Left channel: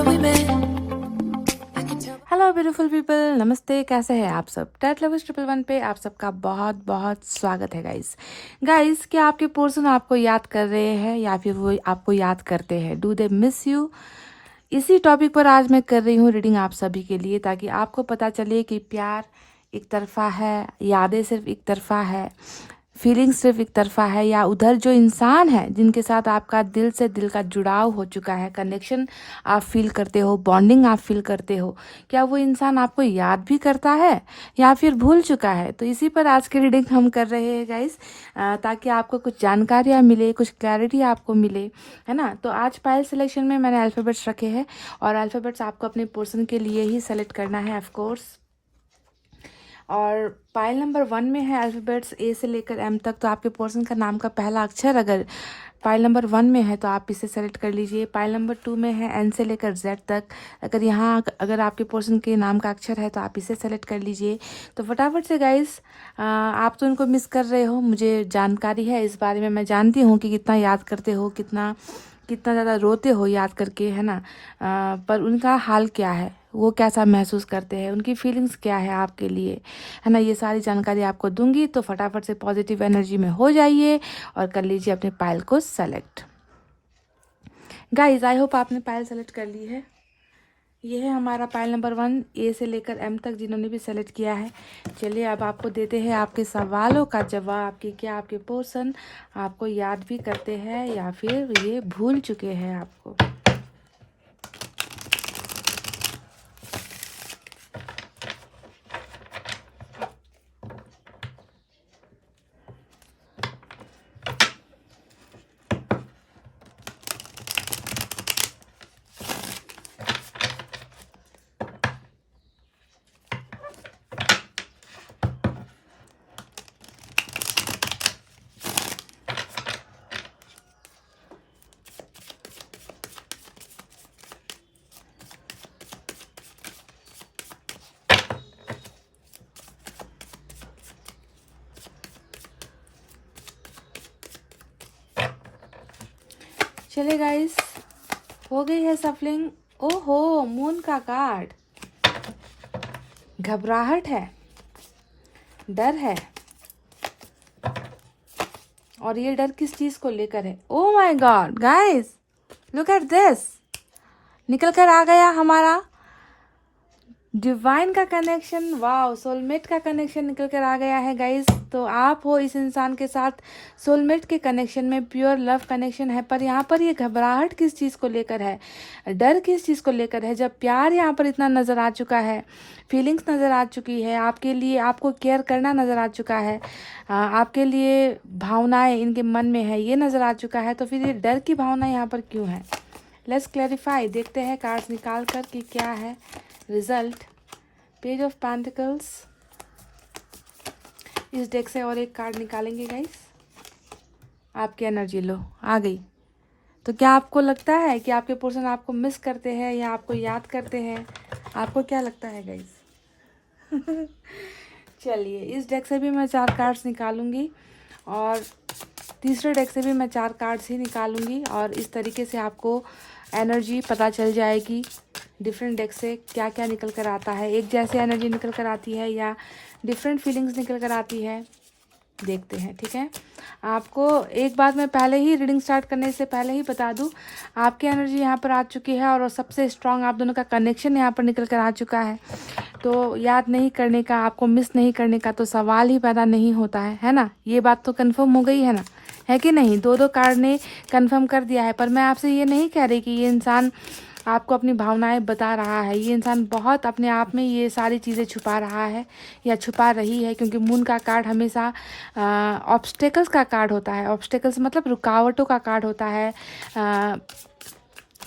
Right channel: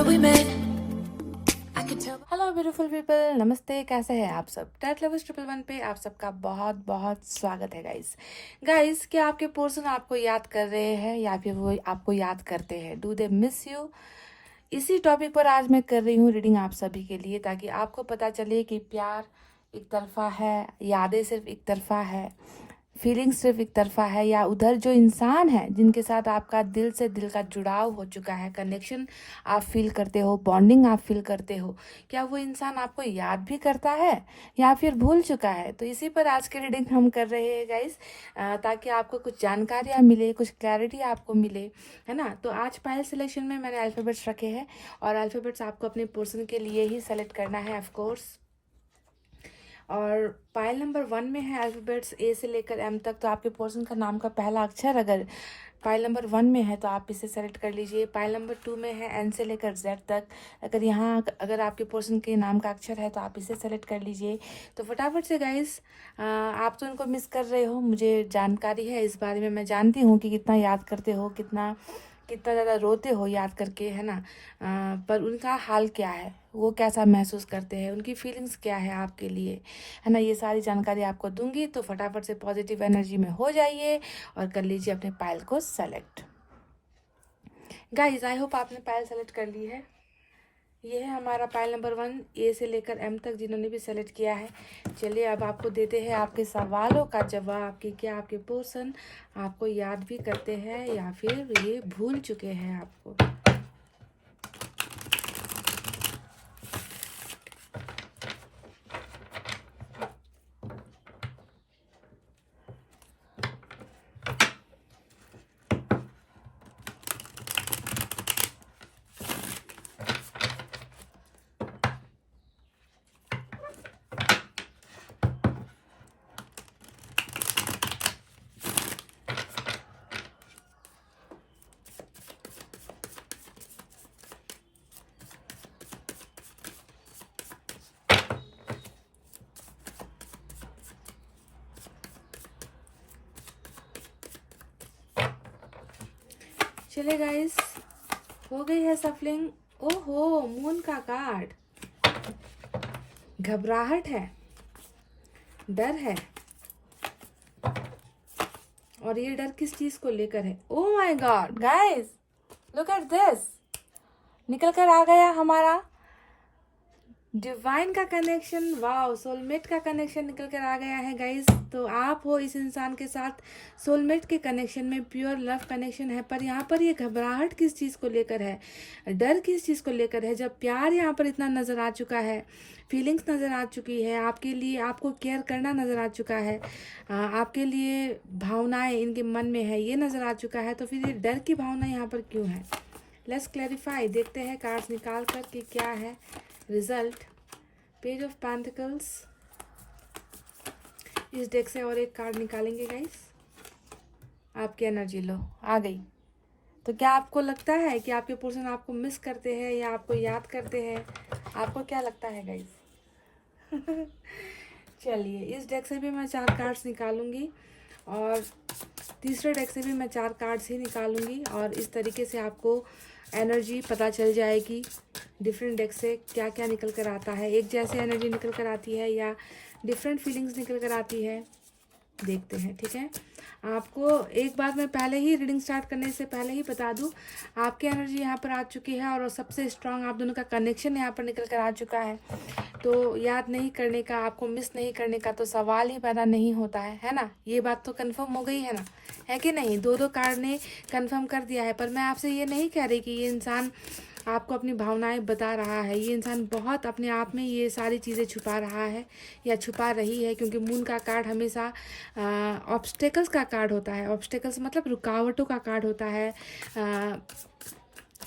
remember we met. I can tell. Hello beautiful people, नमस्ते। कैसे हैं आप सब? टेट लवर्स 111 पे आप सबका बहुत बहुत स्वागत है गाइस। क्या आपके पर्सन आपको याद कर रहे हैं या फिर वो आपको याद करते हैं? Do they miss you? इसी टॉपिक पर आज मैं कर रही हूँ रीडिंग आप सभी के लिए, ताकि आपको पता चले कि प्यार एक तरफा है, यादें सिर्फ एक तरफा है, फीलिंग्स सिर्फ एक तरफा है, या उधर जो इंसान है जिनके साथ आपका दिल से दिल का जुड़ाव हो चुका है, कनेक्शन आप फील करते हो, बॉन्डिंग आप फील करते हो, क्या वो इंसान आपको याद भी करता है या फिर भूल चुका है? तो इसी पर आज की रीडिंग हम कर रहे हैं गाइस, ताकि आपको कुछ जानकारियाँ मिले, कुछ क्लैरिटी आपको मिले, है ना। तो आज पायल सिलेक्शन में मैंने अल्फ़ाबेट्स रखे हैं और अल्फ़ाबेट्स आपको अपने पर्सन के लिए ही सेलेक्ट करना है ऑफ कोर्स। और पाइल नंबर 1 में है अल्फ़ाबेट्स ए से लेकर एम तक। तो आपके पर्सन का नाम का पहला अक्षर अगर पाइल नंबर 1 में है तो आप इसे सेलेक्ट कर लीजिए। पाइल नंबर 2 में है एन से लेकर जेड तक। अगर आपके पर्सन के नाम का अक्षर है तो आप इसे सेलेक्ट कर लीजिए। तो फटाफट से गाइस, आप तो उनको मिस कर रहे हो, मुझे जानकारी है इस बारे में। मैं जानती हूँ कि कितना याद करते हो, कितना ज़्यादा रोते हो याद करके, है ना। पर उनका हाल क्या है, वो कैसा महसूस करते हैं, उनकी फीलिंग्स क्या है आपके लिए, है ना, ये सारी जानकारी आपको दूंगी। तो फटाफट से पॉजिटिव एनर्जी में हो जाइए और कर लीजिए अपने पायल को सेलेक्ट। गाइज, आई होप आपने पायल सेलेक्ट कर ली है। ये है हमारा पायल नंबर 1 ए से लेकर एम तक, जिन्होंने भी सेलेक्ट किया है। चलिए अब आपको देते हैं आपके सवालों का जवाब कि क्या आपके पर्सन आपको याद भी करते हैं या फिर ये भूल चुके हैं आपको। चलिए गाइस, हो गई है सफलिंग। ओहो, मून का कार्ड। घबराहट है, डर है, और ये डर किस चीज को लेकर है? Oh my God guys, look at this. निकल कर आ गया हमारा डिवाइन का कनेक्शन। वाओ, सोलमेट का कनेक्शन निकल कर आ गया है गाइस। तो आप हो इस इंसान के साथ सोलमेट के कनेक्शन में, प्योर लव कनेक्शन है। पर यहाँ पर ये घबराहट किस चीज़ को लेकर है, डर किस चीज़ को लेकर है, जब प्यार यहाँ पर इतना नज़र आ चुका है, फीलिंग्स नज़र आ चुकी है आपके लिए, आपको केयर करना नज़र आ चुका है, आपके लिए भावनाएं इनके मन में है, ये नज़र आ चुका है। तो फिर ये डर की भावना यहाँ पर क्यों है? Let's clarify. देखते हैं कार्ड्स निकाल कर कि क्या है रिजल्ट। Page of pentacles. इस डेक से और एक कार्ड निकालेंगे गाइस। आपकी एनर्जी लो आ गई। तो क्या आपको लगता है कि आपके पर्सन आपको मिस करते हैं या आपको याद करते हैं? आपको क्या लगता है गाइस? चलिए, इस डेक से भी मैं 4 कार्ड्स निकालूंगी और तीसरे डेक से भी मैं 4 कार्ड्स ही निकालूंगी, और इस तरीके से आपको एनर्जी पता चल जाएगी डिफरेंट डेक से क्या क्या निकल कर आता है। एक जैसे एनर्जी निकल कर आती है या डिफरेंट फीलिंग्स निकल कर आती है, देखते हैं, ठीक है। आपको एक बात मैं पहले ही रीडिंग स्टार्ट करने से पहले ही बता दूं, आपकी एनर्जी यहाँ पर आ चुकी है और सबसे स्ट्रांग आप दोनों का कनेक्शन यहाँ पर निकल कर आ चुका है। तो याद नहीं करने का, आपको मिस नहीं करने का तो सवाल ही पैदा नहीं होता है ना। ये बात तो कंफर्म हो गई है ना, है कि नहीं? 2 कार्ड ने कंफर्म कर दिया है। पर मैं आपसे ये नहीं कह रही कि ये इंसान आपको अपनी भावनाएं बता रहा है। ये इंसान बहुत अपने आप में ये सारी चीज़ें छुपा रहा है या छुपा रही है, क्योंकि मून का कार्ड हमेशा ऑब्स्टेकल्स का कार्ड होता है। ऑब्स्टेकल्स मतलब रुकावटों का कार्ड होता है,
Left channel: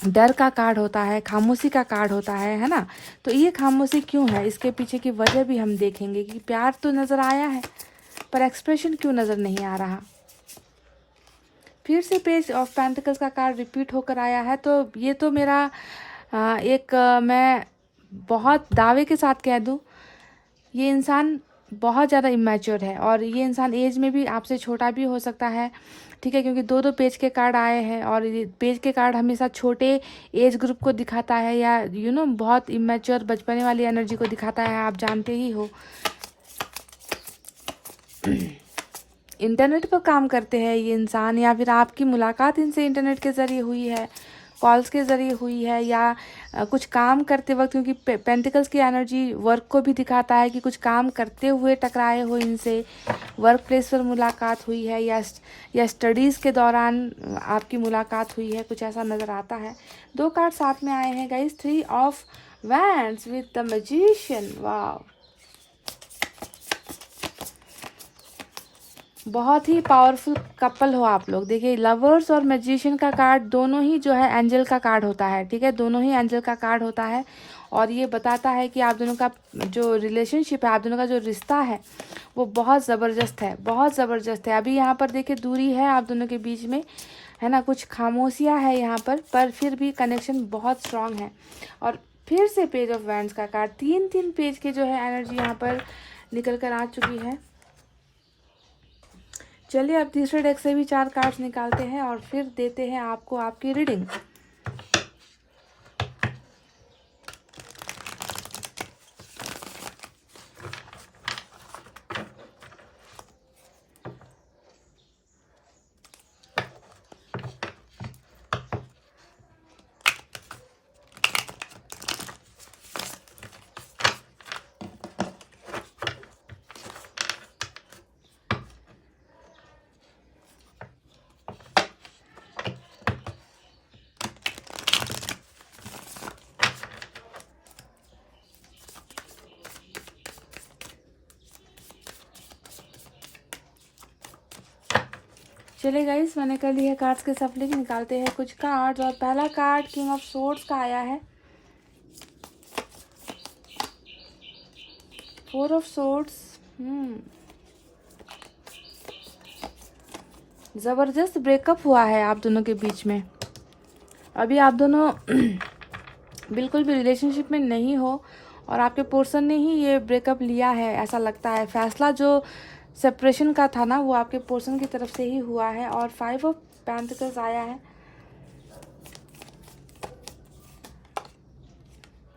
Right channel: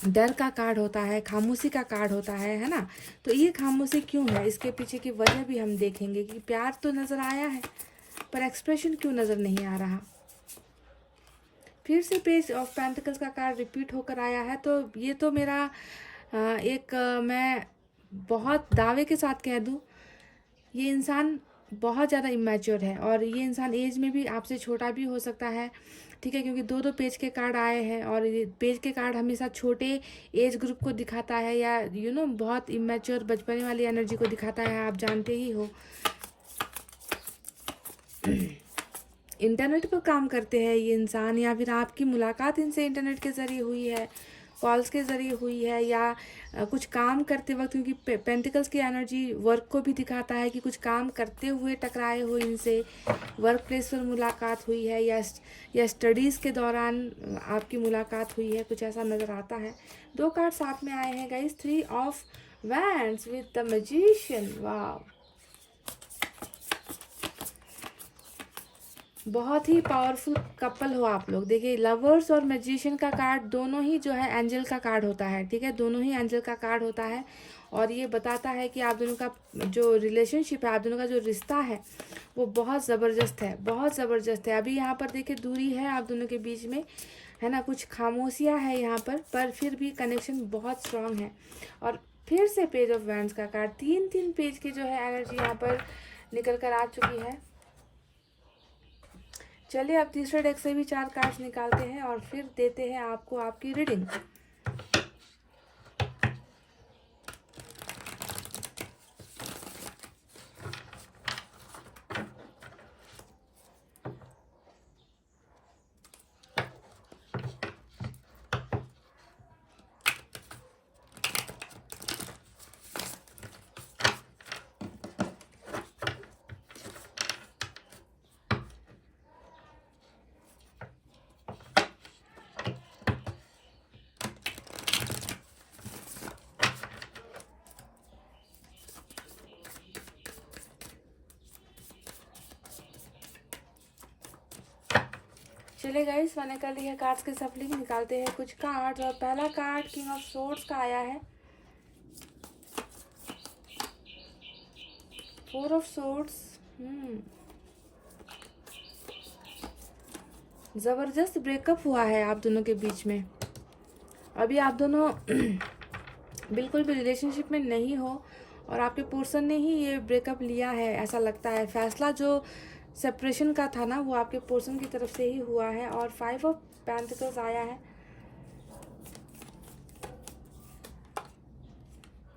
डर का कार्ड होता है, खामोशी का कार्ड होता है ना। तो ये खामोशी क्यों है, इसके पीछे की वजह भी हम देखेंगे कि प्यार तो नज़र आया है पर एक्सप्रेशन क्यों नज़र नहीं आ रहा। फिर से पेज ऑफ पेंटिकल्स का कार्ड रिपीट होकर आया है। तो ये तो मेरा मैं बहुत दावे के साथ कह दूँ, ये इंसान बहुत ज़्यादा इमेच्योर है, और ये इंसान एज में भी आपसे छोटा भी हो सकता है, ठीक है, क्योंकि दो दो पेज के कार्ड आए हैं, और ये पेज के कार्ड हमेशा छोटे एज ग्रुप को दिखाता है, या बहुत इमेच्योर बचपने वाली एनर्जी को दिखाता है, आप जानते ही हो। इंटरनेट पर काम करते हैं ये इंसान, या फिर आपकी मुलाकात इनसे इंटरनेट के ज़रिए हुई है, कॉल्स के ज़रिए हुई है, या कुछ काम करते वक्त, क्योंकि पेंटिकल्स की एनर्जी वर्क को भी दिखाता है कि कुछ काम करते हुए टकराए हो इनसे, वर्क प्लेस पर मुलाकात हुई है, या स्टडीज़ के दौरान आपकी मुलाकात हुई है, कुछ ऐसा नज़र आता है। दो कार्ड साथ में आए हैं guys, 3 of wands with the magician. वाह, बहुत ही पावरफुल कपल हो आप लोग। देखिए, लवर्स और मैजिशियन का कार्ड दोनों ही जो है एंजल का कार्ड होता है, ठीक है, दोनों ही एंजल का कार्ड होता है, और ये बताता है कि आप दोनों का जो रिलेशनशिप है, आप दोनों का जो रिश्ता है वो बहुत ज़बरदस्त है, बहुत ज़बरदस्त है। अभी यहाँ पर देखिए दूरी है आप दोनों के बीच में, है ना, कुछ खामोशियाँ है यहाँ पर फिर भी कनेक्शन बहुत स्ट्रांग है। और फिर से पेज ऑफ वैंड्स का कार्ड, 3 पेज के जो है एनर्जी यहाँ पर निकल कर आ चुकी है। चलिए अब तीसरे डेक से भी 4 कार्ड्स निकालते हैं और फिर देते हैं आपको आपकी रीडिंग। चलिए गाइस, मैंने कर ली है कार्ड्स के सफलिंग, निकालते हैं कुछ कार्ड्स। और पहला कार्ड किंग ऑफ सोर्ड्स का आया है, 4 ऑफ सोर्ड्स। ज़बरदस्त ब्रेकअप हुआ है आप दोनों के बीच में। अभी आप दोनों बिल्कुल भी रिलेशनशिप में नहीं हो, और आपके पर्सन ने ही ये ब्रेकअप लिया है, ऐसा लगता है। फैसला जो सेपरेशन का था ना, वो आपके पर्सन की तरफ से ही हुआ है। और 5 ऑफ पेंटिकल्स आया है,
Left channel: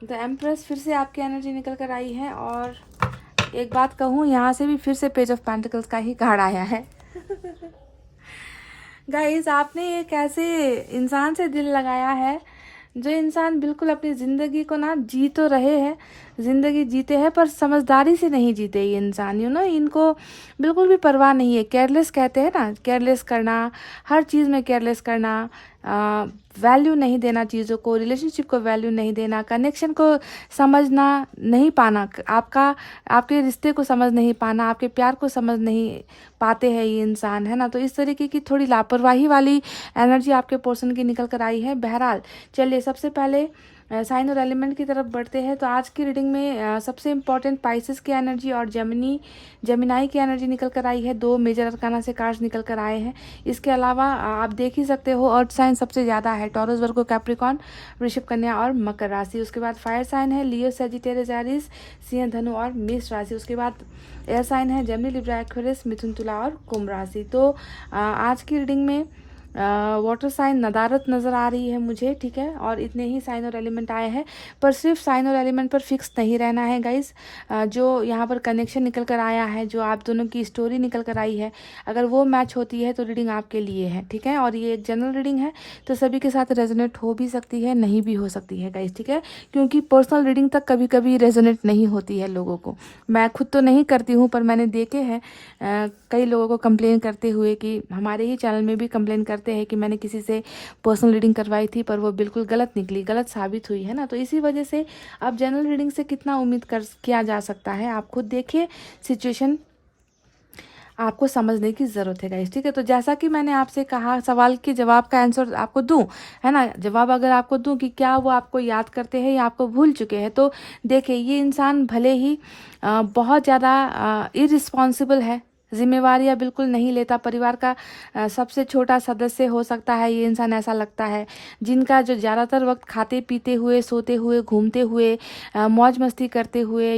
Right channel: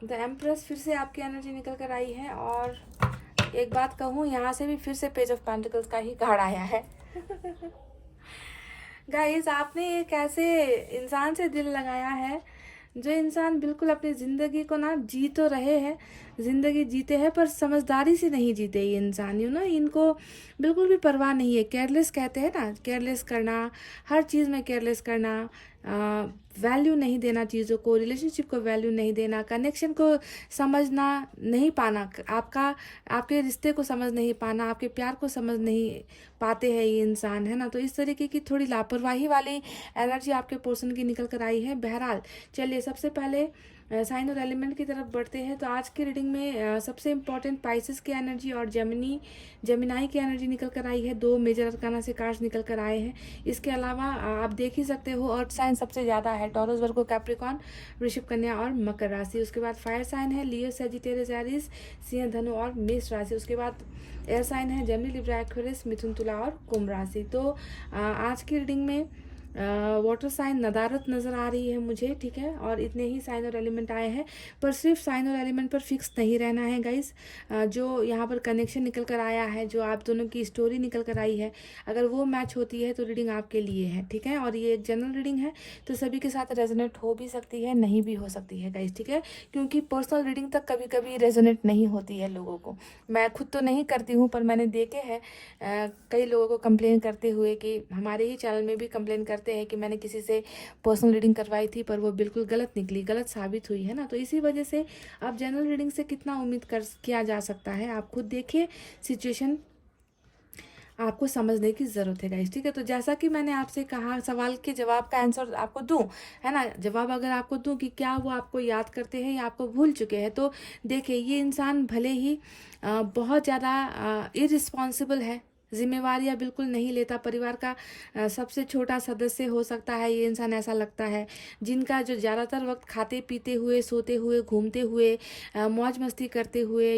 द एम्प्रेस, फिर से आपकी एनर्जी निकल कर आई है। और एक बात कहूँ, यहाँ से भी फिर से पेज ऑफ पेंटिकल्स का ही कार्ड आया है। गाइस, आपने एक ऐसे इंसान से दिल लगाया है, जो इंसान बिल्कुल अपनी ज़िंदगी को ना जी तो रहे हैं, ज़िंदगी जीते हैं, पर समझदारी से नहीं जीते ये इंसान। इनको बिल्कुल भी परवाह नहीं है। केयरलेस कहते हैं ना, केयरलेस करना, हर चीज़ में केयरलेस करना, वैल्यू नहीं देना चीज़ों को, रिलेशनशिप को वैल्यू नहीं देना, कनेक्शन को समझना नहीं पाना, आपके रिश्ते को समझ नहीं पाना, आपके प्यार को समझ नहीं पाते हैं ये इंसान, है ना। तो इस तरीके की थोड़ी लापरवाही वाली एनर्जी आपके पर्सन की निकल कर आई है। बहरहाल, चलिए सबसे पहले साइन और एलिमेंट की तरफ बढ़ते हैं। तो आज की रीडिंग में सबसे इम्पॉर्टेंट पाइसेस की एनर्जी और जेमिनाई की एनर्जी निकल कर आई है। 2 मेजर अरकाना से कार्ड्स निकल कर आए हैं। इसके अलावा आप देख ही सकते हो, अर्थ साइन सबसे ज़्यादा है, टॉरस, वर्गो, कैप्रिकॉर्न, वृषभ, कन्या और मकर राशि। उसके बाद फायर साइन है लियो, सजिटेरियस, एरीज, सिंह, धनु और मेष राशि। उसके बाद एयर साइन है जेमिनी, लिब्रा, एक्वेरियस, मिथुन, तुला और कुंभ राशि। तो आज की रीडिंग में वाटर साइन नदारत नज़र आ रही है मुझे, ठीक है, और इतने ही साइन और एलिमेंट आए हैं। पर सिर्फ साइन और एलिमेंट पर फिक्स नहीं रहना है गाइस। जो यहाँ पर कनेक्शन निकल कर आया है, जो आप दोनों की स्टोरी निकल कर आई है, अगर वो मैच होती है तो रीडिंग आपके लिए है, ठीक है। और ये एक जनरल रीडिंग है, तो सभी के साथ रेजोनेट हो भी सकती है, नहीं भी हो सकती है गाइस, ठीक है, क्योंकि पर्सनल रीडिंग तक कभी कभी रेजोनेट नहीं होती है लोगों को। मैं खुद तो नहीं करती हूँ, पर मैंने देखे हैं कई लोगों को कंप्लेन करते हुए, कि हमारे ही चैनल में भी कंप्लेन करते हैं कि मैंने किसी से पर्सनल रीडिंग करवाई थी, पर वो बिल्कुल गलत निकली, गलत साबित हुई, है ना। तो इसी वजह से अब जनरल रीडिंग से कितना उम्मीद किया जा सकता है, आप खुद देखिए, सिचुएशन आपको समझने की ज़रूरत है गाइस, ठीक है। तो जैसा कि मैंने आपसे कहा, सवाल के जवाब का आंसर आपको दूं, है ना, जवाब अगर आपको दूं कि क्या वो आपको याद करते हैं या आपको भूल चुके हैं, तो देखिए ये इंसान भले ही बहुत ज़्यादा इररिस्पॉन्सिबल है, जिम्मेवारियाँ बिल्कुल नहीं लेता, परिवार का सबसे छोटा सदस्य हो सकता है ये इंसान, ऐसा लगता है। जिनका जो ज़्यादातर वक्त खाते पीते हुए, सोते हुए, घूमते हुए, मौज मस्ती करते हुए,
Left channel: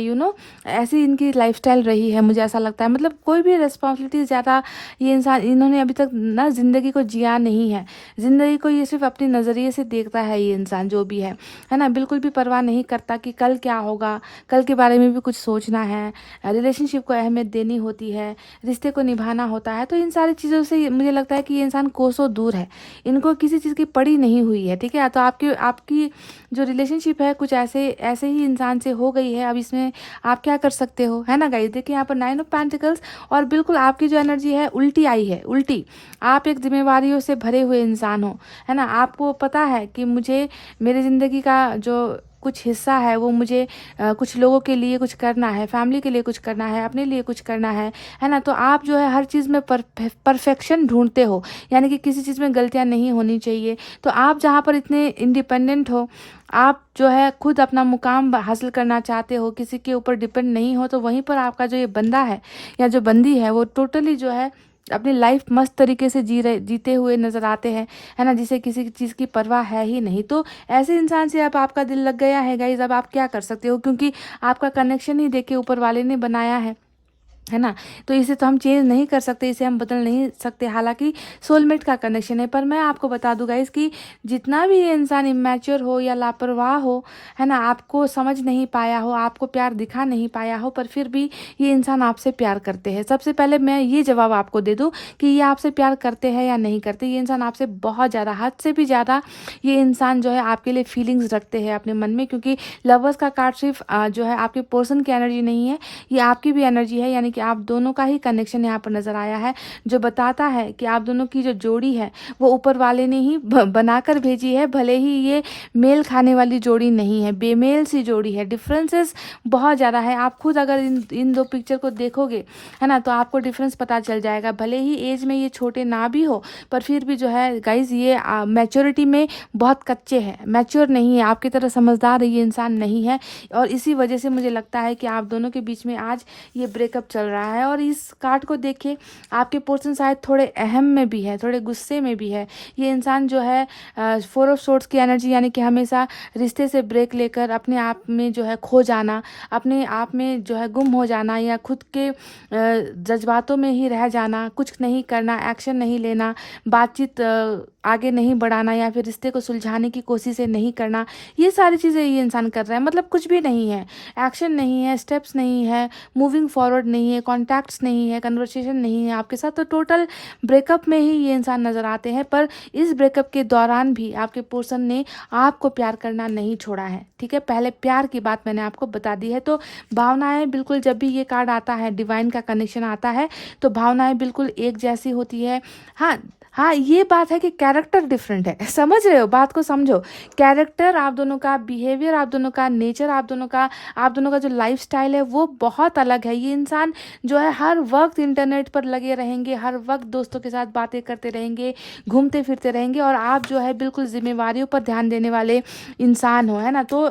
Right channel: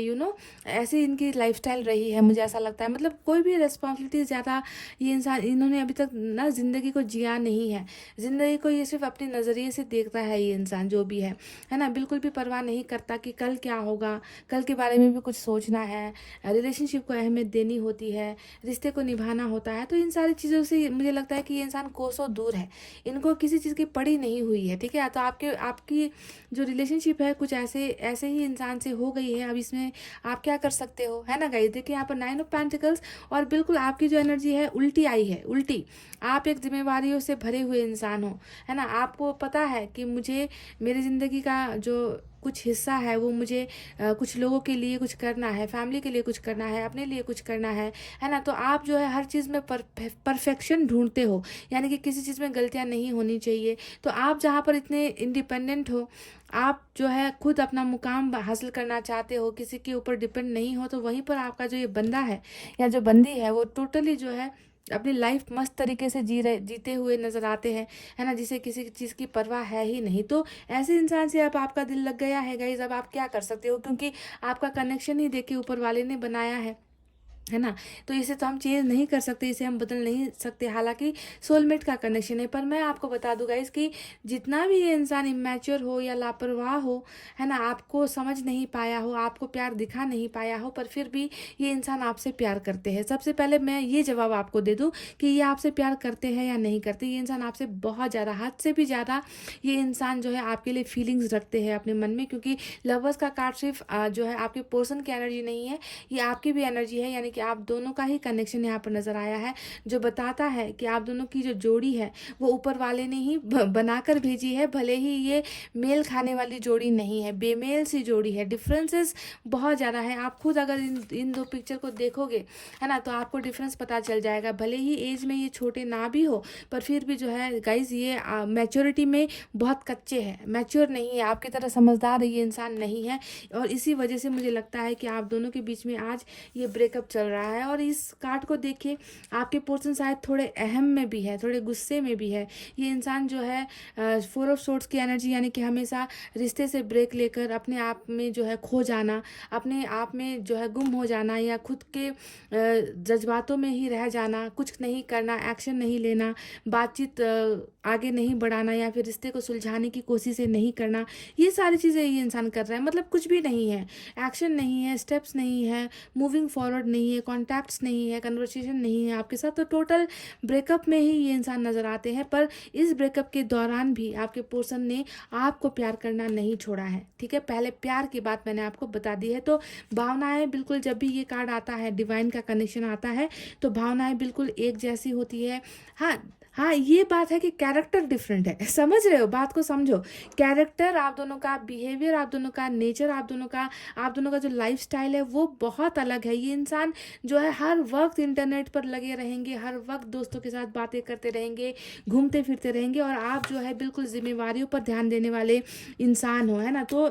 ऐसी इनकी लाइफस्टाइल रही है, मुझे ऐसा लगता है। मतलब कोई भी रिस्पॉन्सिबिलिटी ज़्यादा ये इंसान, इन्होंने अभी तक ना ज़िंदगी को जिया नहीं है। ज़िंदगी को ये सिर्फ अपने नज़रिए से देखता है ये इंसान, जो भी है ना। बिल्कुल भी परवाह नहीं करता कि कल क्या होगा, कल के बारे में भी कुछ सोचना है, रिलेशनशिप को अहमियत देनी होती है, रिश्ते को निभाना होता है। तो इन सारी चीज़ों से मुझे लगता है कि ये इंसान कोसों दूर है, इनको किसी चीज़ की पड़ी नहीं हुई है, ठीक है। तो आपकी आपकी जो रिलेशनशिप है कुछ ऐसे ऐसे ही इंसान से हो गई है। अब इसमें आप क्या कर सकते हो, है ना गाइस। देखिए यहाँ पर 9 ऑफ पेंटिकल्स, और बिल्कुल आपकी जो एनर्जी है उल्टी आई है, उल्टी। आप एक जिम्मेवारियों से भरे हुए इंसान हो, है ना। आपको पता है कि मुझे मेरी ज़िंदगी का जो कुछ हिस्सा है वो मुझे कुछ लोगों के लिए कुछ करना है, फैमिली के लिए कुछ करना है, अपने लिए कुछ करना है ना। तो आप जो है हर चीज़ में परफेक्शन ढूंढते हो, यानी कि किसी चीज़ में गलतियां नहीं होनी चाहिए। तो आप जहाँ पर इतने इंडिपेंडेंट हो, आप जो है खुद अपना मुकाम हासिल करना चाहते हो, किसी के ऊपर डिपेंड नहीं हो, तो वहीं पर आपका जो ये बंदा है या जो बंदी है वो टोटली जो है अपनी लाइफ मस्त तरीके से जीते हुए नज़र आते हैं, है ना, जिसे किसी चीज़ की परवाह है ही नहीं। तो ऐसे इंसान से अब आपका दिल लग गया है गाइज। अब आप क्या कर सकते हो, क्योंकि आपका कनेक्शन ही देखे ऊपर वाले ने बनाया है ना। तो इसे तो हम चेंज नहीं कर सकते, इसे हम बदल नहीं सकते, हालांकि सोलमेट का कनेक्शन है। पर मैं आपको बता दूं गाइस कि जितना भी ये इंसान इमेच्योर हो या लापरवाह हो, है ना, आपको समझ नहीं पाया हो, आपको प्यार दिखा नहीं पाया हो, पर फिर भी ये इंसान आपसे प्यार करते हैं। सबसे पहले मैं ये जवाब आपको दे दूँ कि ये आपसे प्यार करते हैं या नहीं करते। ये इंसान आपसे बहुत ज़्यादा, हद से भी ज़्यादा ये इंसान जो है आपके लिए फीलिंग्स रखते हैं अपने मन में, क्योंकि लवर्स का कार्ड सिर्फ जो है आपके पर्सन की एनर्जी नहीं है, ये आपकी भी एनर्जी है। यानी कि आप दोनों का ही कनेक्शन यहाँ पर नजर आया है, जो बताता है कि आप दोनों की जो जोड़ी है वो ऊपर वाले ने ही बनाकर भेजी है। भले ही ये मेल खाने वाली जोड़ी नहीं है, बेमेल सी जोड़ी है। डिफरेंसेस बहुत ज़्यादा है। आप खुद अगर इन दो पिक्चर को देखोगे, है ना, तो आपको डिफरेंस पता चल जाएगा। भले ही एज में ये छोटे ना भी हो, पर फिर भी जो है गाइज ये मैच्योरिटी में बहुत कच्चे हैं, मैच्योर नहीं है, आपकी तरह समझदार ये इंसान नहीं है। और इसी वजह से मुझे लगता है कि आप दोनों के बीच में आज ये ब्रेकअप चल रहा है। और इस कार्ड को देखिए, आपके पर्सन शायद थोड़े अहम में भी है, थोड़े गुस्से में भी है। ये इंसान जो है 4 ऑफ सोर्ड्स की एनर्जी, यानी कि हमेशा रिश्ते से ब्रेक लेकर अपने आप में जो है खो जाना, अपने आप में जो है गुम हो जाना, या खुद के जज्बातों में ही रह जाना, कुछ नहीं करना, एक्शन नहीं लेना, बातचीत आगे नहीं बढ़ाना, या फिर रिश्ते को सुलझाने की कोशिश नहीं करना। ये सारी चीज़ें ये इंसान कर रहा है। मतलब कुछ भी नहीं है, एक्शन नहीं है, स्टेप्स नहीं है, मूविंग फॉरवर्ड नहीं है, कॉन्टैक्ट्स नहीं है, कन्वर्सेशन नहीं है आपके साथ। तो टोटल ब्रेकअप में ही ये इंसान नज़र आते हैं। पर इस ब्रेकअप के दौरान भी आपके पर्सन ने आपको प्यार करना नहीं छोड़ा है, ठीक है। पहले प्यार की बात मैंने आपको बता दी है। तो भावनाएं बिल्कुल, जब भी ये कार्ड आता है, डिवाइन का कनेक्शन आता है, तो भावनाएं बिल्कुल एक जैसी होती है। हाँ हाँ, ये बात है कि कैरेक्टर डिफरेंट है, समझ रहे हो, बात को समझो। कैरेक्टर आप दोनों का, बिहेवियर आप दोनों का, नेचर आप दोनों का जो लाइफस्टाइल है वो बहुत अलग है। ये इंसान जो है हर वक्त इंटरनेट पर लगे रहेंगे, हर वक्त दोस्तों के साथ बातें करते रहेंगे, घूमते फिरते रहेंगे, और आप जो है बिल्कुल जिम्मेवारियों पर ध्यान देने वाले इंसान हो, है ना। तो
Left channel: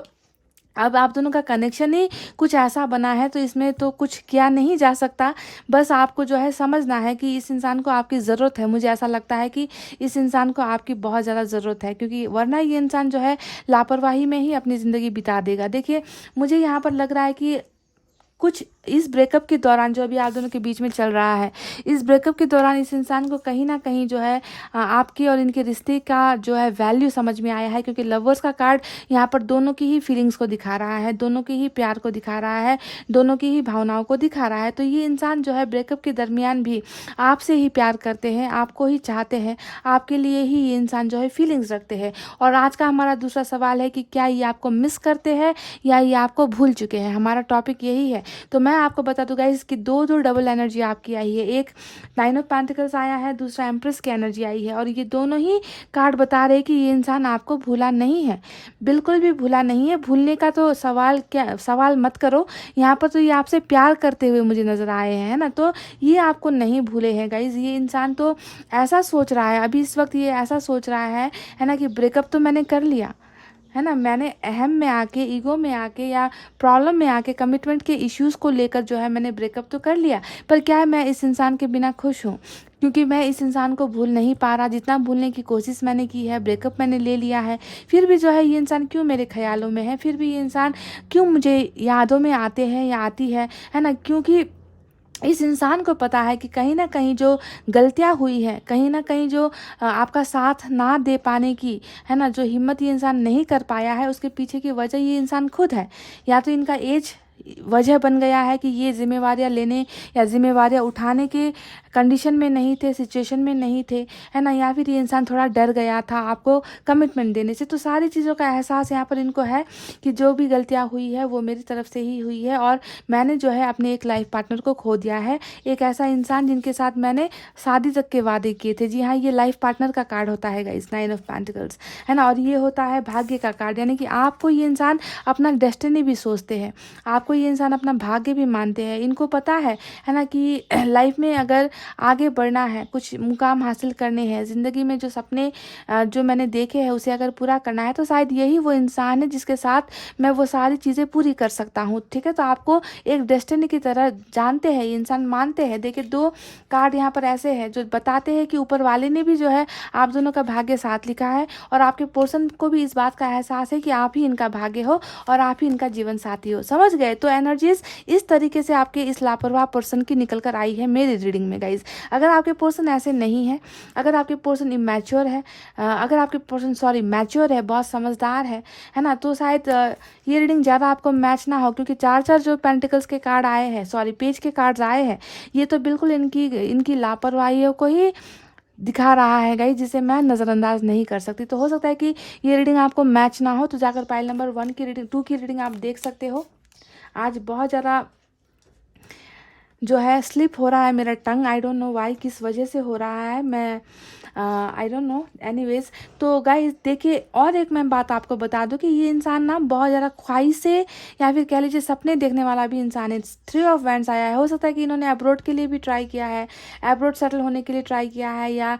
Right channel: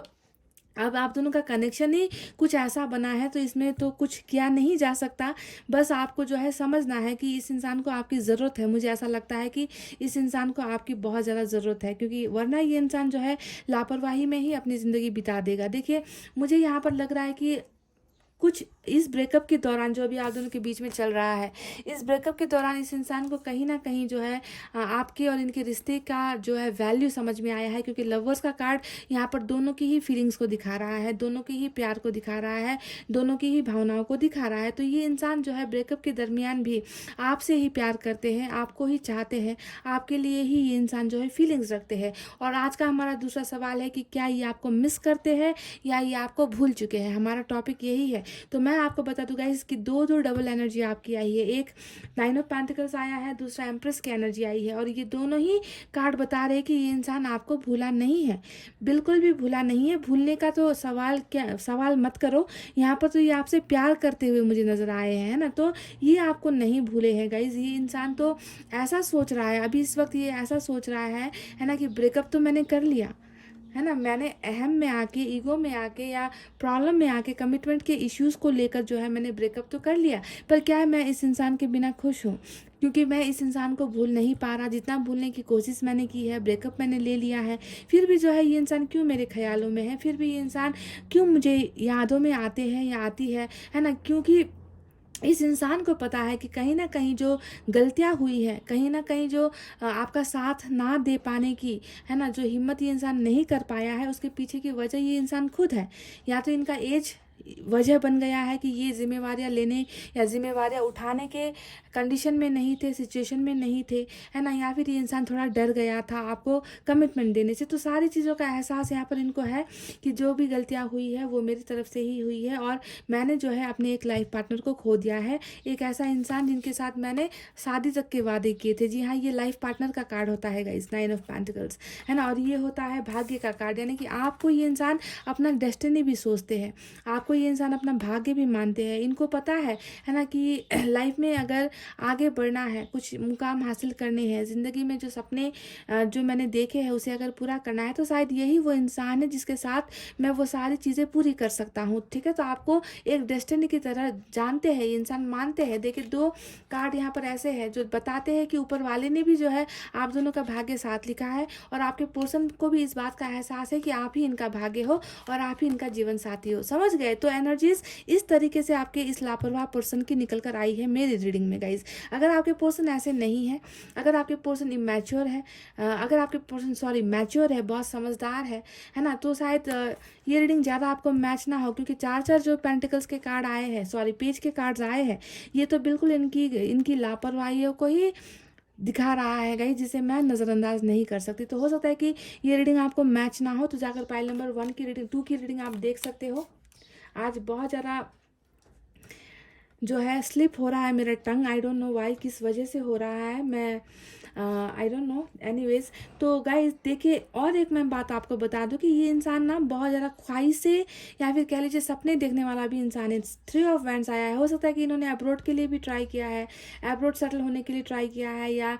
अब आप दोनों का कनेक्शन ही कुछ ऐसा बना है, तो इसमें तो कुछ किया नहीं जा सकता। बस आपको जो है समझना है कि इस इंसान को आपकी ज़रूरत है। मुझे ऐसा लगता है कि इस इंसान को आपकी बहुत ज़्यादा ज़रूरत है, क्योंकि वरना ये इंसान जो है लापरवाही में ही अपनी ज़िंदगी बिता देगा। देखिए मुझे यहाँ पर लग रहा है कि कुछ इस ब्रेकअप के दौरान जो अभी आप दोनों के बीच में चल रहा है, इस ब्रेकअप के दौरान इस इंसान को कहीं ना कहीं जो है आपके और इनके रिश्ते का जो है वैल्यू समझ में आया है। क्योंकि लवर्स का कार्ड यहाँ पर दोनों की ही फीलिंग्स को दिखा रहा है, दोनों के ही प्यार को दिखा रहा है, दोनों की ही भावनाओं को दिखा रहा है। तो ये इंसान जो है ब्रेकअप के दरमियान भी आपसे ही प्यार करते हैं, आपको ही चाहते हैं, आपके लिए ही ये इंसान जो है फीलिंग्स रखते हैं। और आज का हमारा दूसरा सवाल है कि क्या ये आपको मिस करते हैं या ये आपको भूल चुके हैं। हमारा टॉपिक यही है। तो मैं आपको बता दूं गाइस कि दो डबल एनर्जी आपकी आई है। एक 9 ऑफ पेंटिकल्स आया है, दूसरा एम्प्रेस की एनर्जी आई है। और ये दोनों ही कार्ड बता रहे हैं कि ये इंसान आपको भूला नहीं है, बिल्कुल भी भूला नहीं है। भूलने का तो सवाल मत करो। यहाँ पर तो ये आपसे प्यार करते हुए मुझे नज़र आए हैं, है ना। तो ये आपको नहीं भूले हैं गाइज। ये इंसान तो ऐसा सोच रहा है, अभी इस वक्त ये ऐसा सोच रहा है ना, कि ब्रेकअप तो मैंने कर लिया, है ना, मैंने अहम में आके, ईगो में आके या प्रॉब्लम में आके कमिटमेंट के इश्यूज़ को लेकर जो है मैंने ब्रेकअप तो कर लिया, पर क्या है मैं इस इंसान के बिना खुश हूँ? क्योंकि मैं इस इंसान को भूल नहीं पा रहा। जितना भूलने की कोशिश मैंने की है, ब्रेकअप मैंने ले लिया है, फिर भी जो है ये इंसान क्यों मेरे ख़्यालों में है, फिर भी ये इंसान क्यों मुझे यादों में आते हैं या आती है ना? क्योंकि इस इंसान को पता है कि कहीं न कहीं जो गलतियाँ हुई हैं, कहीं न कहीं जो आपका साथ ना दे पाने की, है ना, जो हिम्मत ये इंसान नहीं कर पाया है, उसके पीछे की वजह ये इंसान खुद है। या तो इनका एज वजह बन गया है कि ये ज़िम्मेवारियाँ लेने या ज़िम्मेवारियाँ उठाने के कंडीशन में नहीं थे, सिचुएशन में नहीं थे, है ना? या फिर ये इंसान थोड़ा डर गया था आपको कमिटमेंट देने से। तो सारी चीज़ों का एहसास यहाँ पर इनको है कि जो भी गलतियाँ हुई है वो मेरी तरफ से ही हुई है, और मैंने जो है अपने एक लाइफ पार्टनर को खो दिया है। एक ऐसा इंसान जिनके साथ मैंने शादी तक के वादे किए थे। जी हाँ, ये लाइफ पार्टनर का कार्ड होता है गाइस, 9 ऑफ पेंटिकल्स, है ना? और ये होता है भाग्य का कार्ड, यानी कि आपको ये इंसान अपना डेस्टिनी भी सोचते हैं, आपको ये इंसान अपना भाग्य भी मानते हैं। इनको पता है ना, कि लाइफ में अगर आगे बढ़ना है, कुछ मुकाम हासिल करने हैं, ज़िंदगी में जो सपने जो मैंने देखे हैं उसे अगर पूरा करना है, तो शायद यही वो इंसान है जिसके साथ मैं वो सारी चीज़ें पूरी कर सकता हूँ। ठीक है, तो आपको एक डेस्टिनी की तरह जानते हैं, ये इंसान मानते हैं। देखिए 2 कार्ड यहाँ पर ऐसे हैं जो बताते हैं कि ऊपर वाले ने भी जो है आप दोनों का भाग्य साथ लिखा है, और आपके पर्सन को भी इस बात का एहसास है कि आप ही इनका भाग्य हो और आप ही इनका जीवन साथी हो। समझ गए? तो एनर्जीज इस तरीके से आपके इस लापरवाह पर्सन की निकल कर आई है मेरी रीडिंग में गाइज। अगर आपके पर्सन ऐसे नहीं है, अगर आपके पर्सन इमैच्योर है, अगर आपके पर्सन मैच्योर है, बहुत समझदार है ना, तो शायद ये रीडिंग ज़्यादा आपको मैच ना हो, क्योंकि 4 जो पेंटिकल्स के कार्ड आए हैं, पेज के कार्ड्स आए हैं, ये तो बिल्कुल इनकी लापरवाहियों को ही दिखा रहा है गाइस, जिसे मैं नज़रअंदाज नहीं कर सकती। तो हो सकता है कि ये रीडिंग आपको मैच ना हो, तो जाकर पाइल नंबर 1 की रीडिंग, 2 की रीडिंग आप देख सकते हो। आज बहुत ज़्यादा जो है स्लिप हो रहा है मेरा टंग, आई डोंट नो वाई, किस वजह से हो रहा है, मैं आई डोंट नो। एनीवेज, तो गाइस देखिए, और एक मैं बात आपको बता दूं कि ये इंसान ना बहुत ज़्यादा ख्वाहिश से या फिर कह लीजिए सपने देखने वाला भी इंसान है। 3 ऑफ वैंड्स आया है। हो सकता है कि इन्होंने अब्रॉड के लिए भी ट्राई किया है, अब्रॉड सेटल होने के लिए ट्राई किया है, या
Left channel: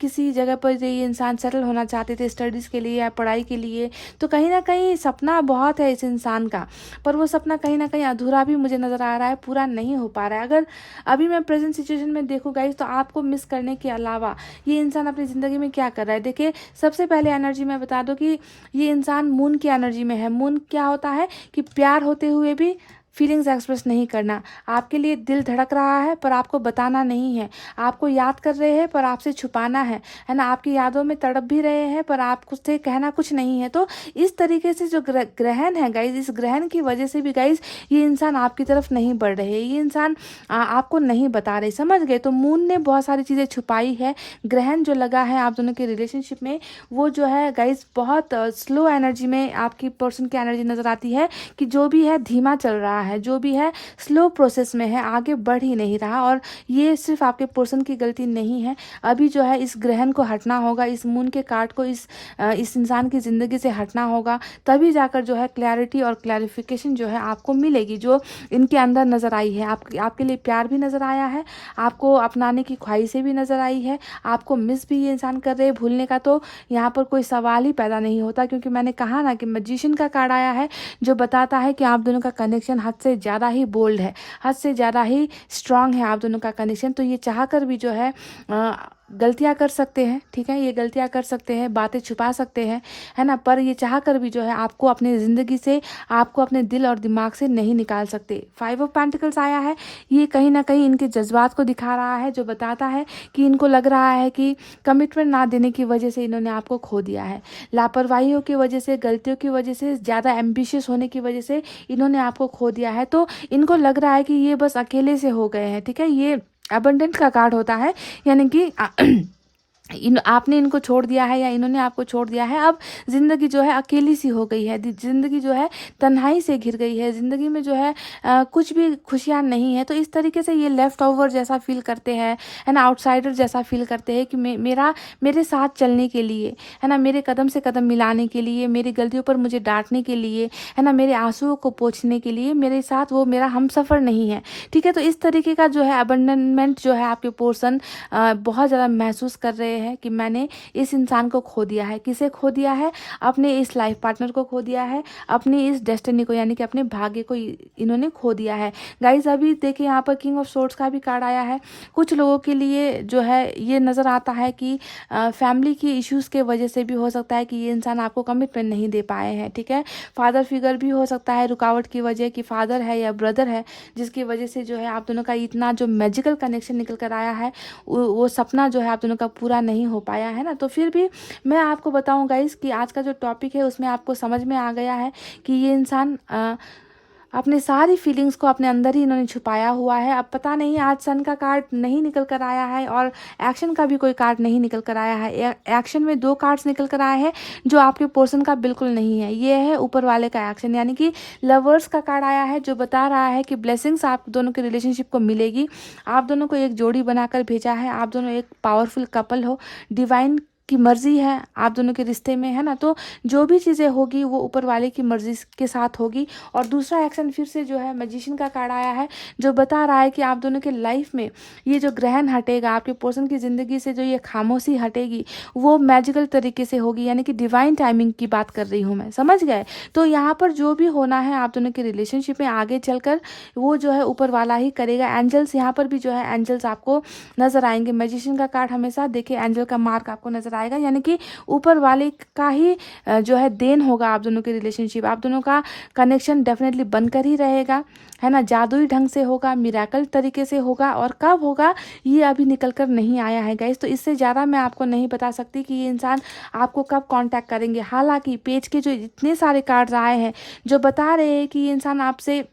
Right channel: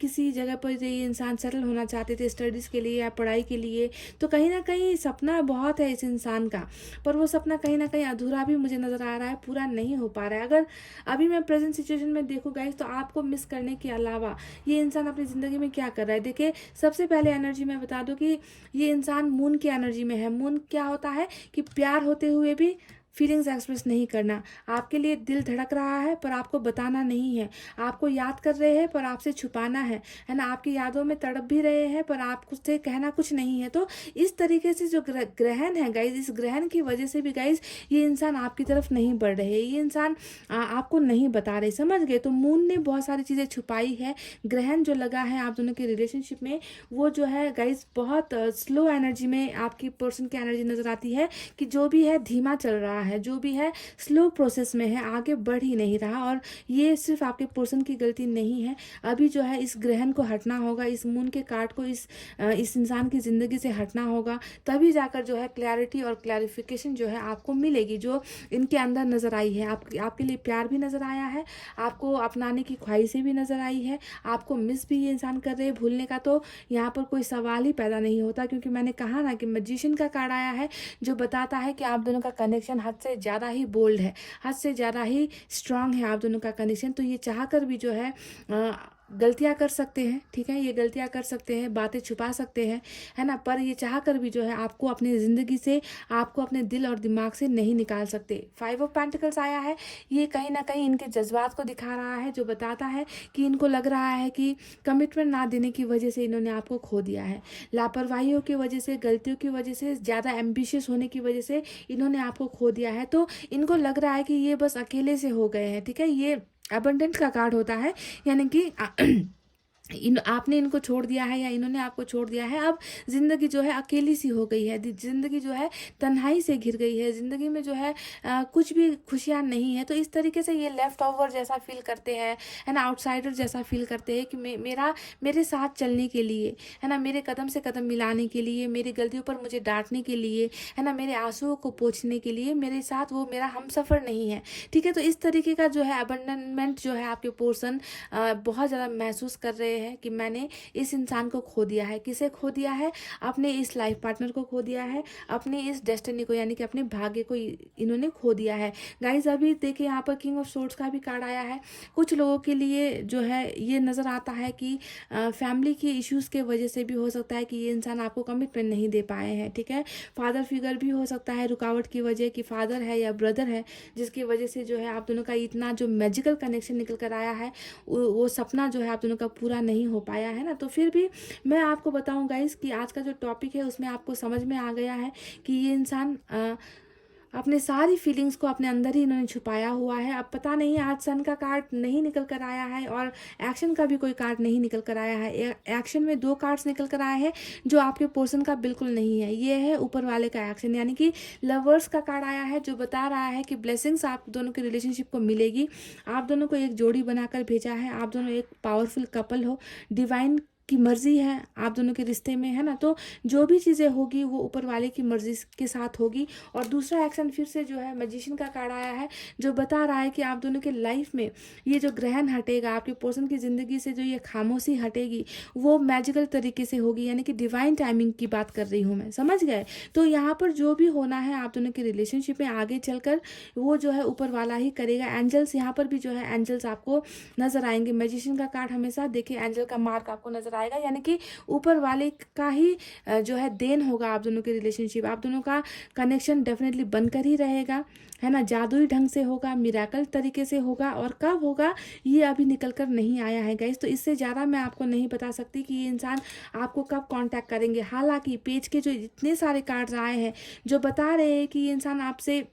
किसी जगह पर ये इंसान सेटल होना चाहते थे स्टडीज़ के लिए या पढ़ाई के लिए। तो कहीं ना कहीं सपना बहुत है इस इंसान का, पर वो सपना कहीं ना कहीं अधूरा भी मुझे नज़र आ रहा है, पूरा नहीं हो पा रहा है। अगर अभी मैं प्रेजेंट सिचुएशन में देखूँ गाइस, तो आपको मिस करने के अलावा ये इंसान अपनी ज़िंदगी में क्या कर रहा है। देखिए, सबसे पहले एनर्जी मैं बता दूं कि ये इंसान मून की एनर्जी में है। मून क्या होता है कि प्यार होते हुए भी फीलिंग्स एक्सप्रेस नहीं करना। आपके लिए दिल धड़क रहा है पर आपको बताना नहीं है, आपको याद कर रहे हैं पर आपसे छुपाना है ना, आपकी यादों में तड़प भी रहे हैं पर आपसे कहना कुछ नहीं है। तो इस तरीके से जो ग्रहण है गाइज, इस ग्रहण की वजह से भी गाइज ये इंसान आपकी तरफ नहीं बढ़ रहे, ये इंसान आपको नहीं बता रहे। समझ गए? तो मून ने बहुत सारी चीज़ें छुपाई है। ग्रहण जो लगा है आप दोनों के रिलेशनशिप में, वो जो है गाइज बहुत स्लो एनर्जी में आपकी पर्सन की एनर्जी नज़र आती है, कि जो भी है धीमा चल रहा है, जो भी है स्लो प्रोसेस में है, आगे बढ़ ही नहीं रहा। और ये सिर्फ आपके पर्सन की गलती नहीं है। अभी जो है इस ग्रहण को हटना होगा, इस मून के कार्ड को इस इंसान की ज़िंदगी से हटना होगा, तभी जाकर जो है क्लैरिटी और क्लैरिफिकेशन जो है आपको मिलेगी, जो इनके अंदर नज़र आई है। आपके लिए प्यार भी नज़र आया है, आपको अपनाने की ख्वाहिशें भी नज़र आई है, आपको मिस भी ये इंसान कर रहे हैं। भूलने का तो यहाँ पर कोई सवाल ही पैदा नहीं होता, क्योंकि मैंने कहा ना कि मैजिशियन का कार्ड आया है, जो बताता है कि आप दोनों का कनेक्शन हद से ज़्यादा ही बोल्ड है, हद से ज़्यादा ही स्ट्रांग है आप दोनों का कनेक्शन। तो ये चाह कर भी जो है गलतियां कर सकते हैं, ठीक है, ये गलतियां कर सकते हैं, बातें छुपा सकते हैं, है ना, पर ये चाह कर भी जो है आपको अपनी ज़िंदगी से, आपको अपने दिल और दिमाग से नहीं निकाल सकते। 5 ऑफ पेंटिकल्स आया है, ये कहीं ना कहीं इनके जज्बात को दिखा रहा है, जो बताता है कि इनको लग रहा है कि कमिटमेंट ना देने की वजह से इन्होंने आपको खो दिया है, लापरवाहियों की वजह से, गलतियों की वजह से, ज़्यादा एम्बिशियस होने की वजह से इन्होंने आपको खो दिया है। तो इनको लग रहा है कि ये बस अकेले से हो गए हैं, ठीक है। ये अबंडेंट का कार्ड होता है, यानी कि आपने इनको छोड़ दिया है या इन्होंने आपको छोड़ दिया है। अब ज़िंदगी जो है अकेली सी हो गई है, ज़िंदगी जो है तन्हाई से घिर गई है, ज़िंदगी में जो है कुछ भी खुशियाँ नहीं है। तो इस तरीके से ये लेफ़्ट ओवर जैसा फील करते हैं, है ना, आउटसाइडर जैसा फील करते हैं कि मेरे साथ चलने के लिए, है ना, मेरे कदम से कदम मिलाने के लिए, मेरी गलतियों पर मुझे डांटने के लिए, है ना, मेरे आंसुओं को पोंछने के लिए मेरे साथ वो मेरा हमसफ़र नहीं है, ठीक है। तो इस तरीके का जो है अबंडनमेंट जो है आपके पर्सन बहुत ज़्यादा महसूस कर रहे रहे हैं कि मैंने इस इंसान को खो दिया है। किसे खो दिया है? अपने इस लाइफ पार्टनर को खो दिया है, अपनी इस डेस्टिनी को, यानी कि अपने भाग्य को इन्होंने खो दिया है। गाइज अभी देखिए यहाँ पर किंग ऑफ सोर्ड्स का भी कार्ड आया है। कुछ लोगों के लिए जो है ये नज़र आता है कि फैमिली की इश्यूज़ के वजह से भी हो सकता है कि ये इंसान आपको कमिटमेंट नहीं दे पाए हैं, ठीक है। फादर फिगर भी हो सकता है रुकावट की वजह, कि फादर है या ब्रदर है जिसकी वजह से जो है आप दोनों का इतना जो मैजिकल कनेक्शन निकल कर आया है वो सपना जो है आप दोनों का पूरा नहीं हो पाया है ना। तो फिर भी मैं आपको बताऊं गाइस कि आज का जो टॉपिक है उसमें आपको समझ में आ गया है कि ये इंसान अपने सारी फीलिंग्स को अपने अंदर ही इन्होंने छुपाया हुआ है। अब पता नहीं, आज सन का कार्ड नहीं निकल कर आया है और एक्शन का भी कोई कार्ड नहीं निकल कर आया है। एक्शन में 2 कार्ड्स निकल कर आए हैं जो आपके पर्सन का बिल्कुल नहीं है। ये है ऊपर वाले का एक्शन, यानी कि लवर्स का कार्ड आया है जो बता रहा है कि ब्लेसिंग्स आप दोनों के रिलेशनशिप को मिलेगी। आप दोनों को एक जोड़ी बनाकर भेजा है, आप दोनों एक पावरफुल कपल हो, डिवाइन की मर्जी है आप दोनों के रिश्ते में, है ना। तो जो भी चीज़ें होगी वो ऊपर वाले की मर्जी के साथ होगी। और दूसरा एक्शन फिर से जो है मैजिशियन का कार्ड आया है जो बता रहा है कि आप दोनों के लाइफ में ये जो ग्रहण हटेगा, आपके पर्सन की ज़िंदगी से जो ये खामोशी हटेगी वो मैजिकल तरीके से होगी, यानी कि डिवाइन टाइमिंग की बात कर रही हूँ मैं, समझ गए। तो यहाँ पर जो भी होना है आप दोनों के रिलेशनशिप में आगे चलकर वो जो है ऊपर वाला ही करेगा। एंजल्स यहाँ पर भी जो है एंजल्स आपको नजर आएंगे। मैजिशियन का कार्ड हमेशा देखिए एंजल का मार्क आपको नजर आएगा, यानी कि ऊपर वाले का ही जो है देन होगा आप दोनों के रिलेशनशिप। आप दोनों का कनेक्शन डेफिनेटली बनकर ही रहेगा, है ना। जादुई ढंग से होगा, मिरेकल तरीके से होगा, और कब होगा ये अभी निकल कर नहीं आया है गाइस। तो इससे ज़्यादा मैं आपको नहीं बता सकती कि ये इंसान आपको कब कांटेक्ट करेंगे। हालांकि पेज के जो इतने सारे कार्ड्स आए हैं जो बता रहे हैं कि ये इंसान आपसे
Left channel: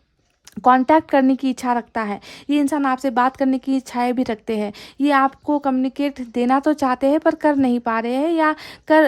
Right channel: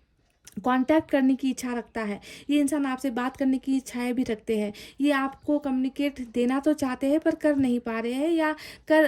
कांटेक्ट करने की इच्छा रखता है, ये इंसान आपसे बात करने की इच्छाएं भी रखते हैं, ये आपको कम्युनिकेट देना तो चाहते हैं पर कर नहीं पा रहे हैं या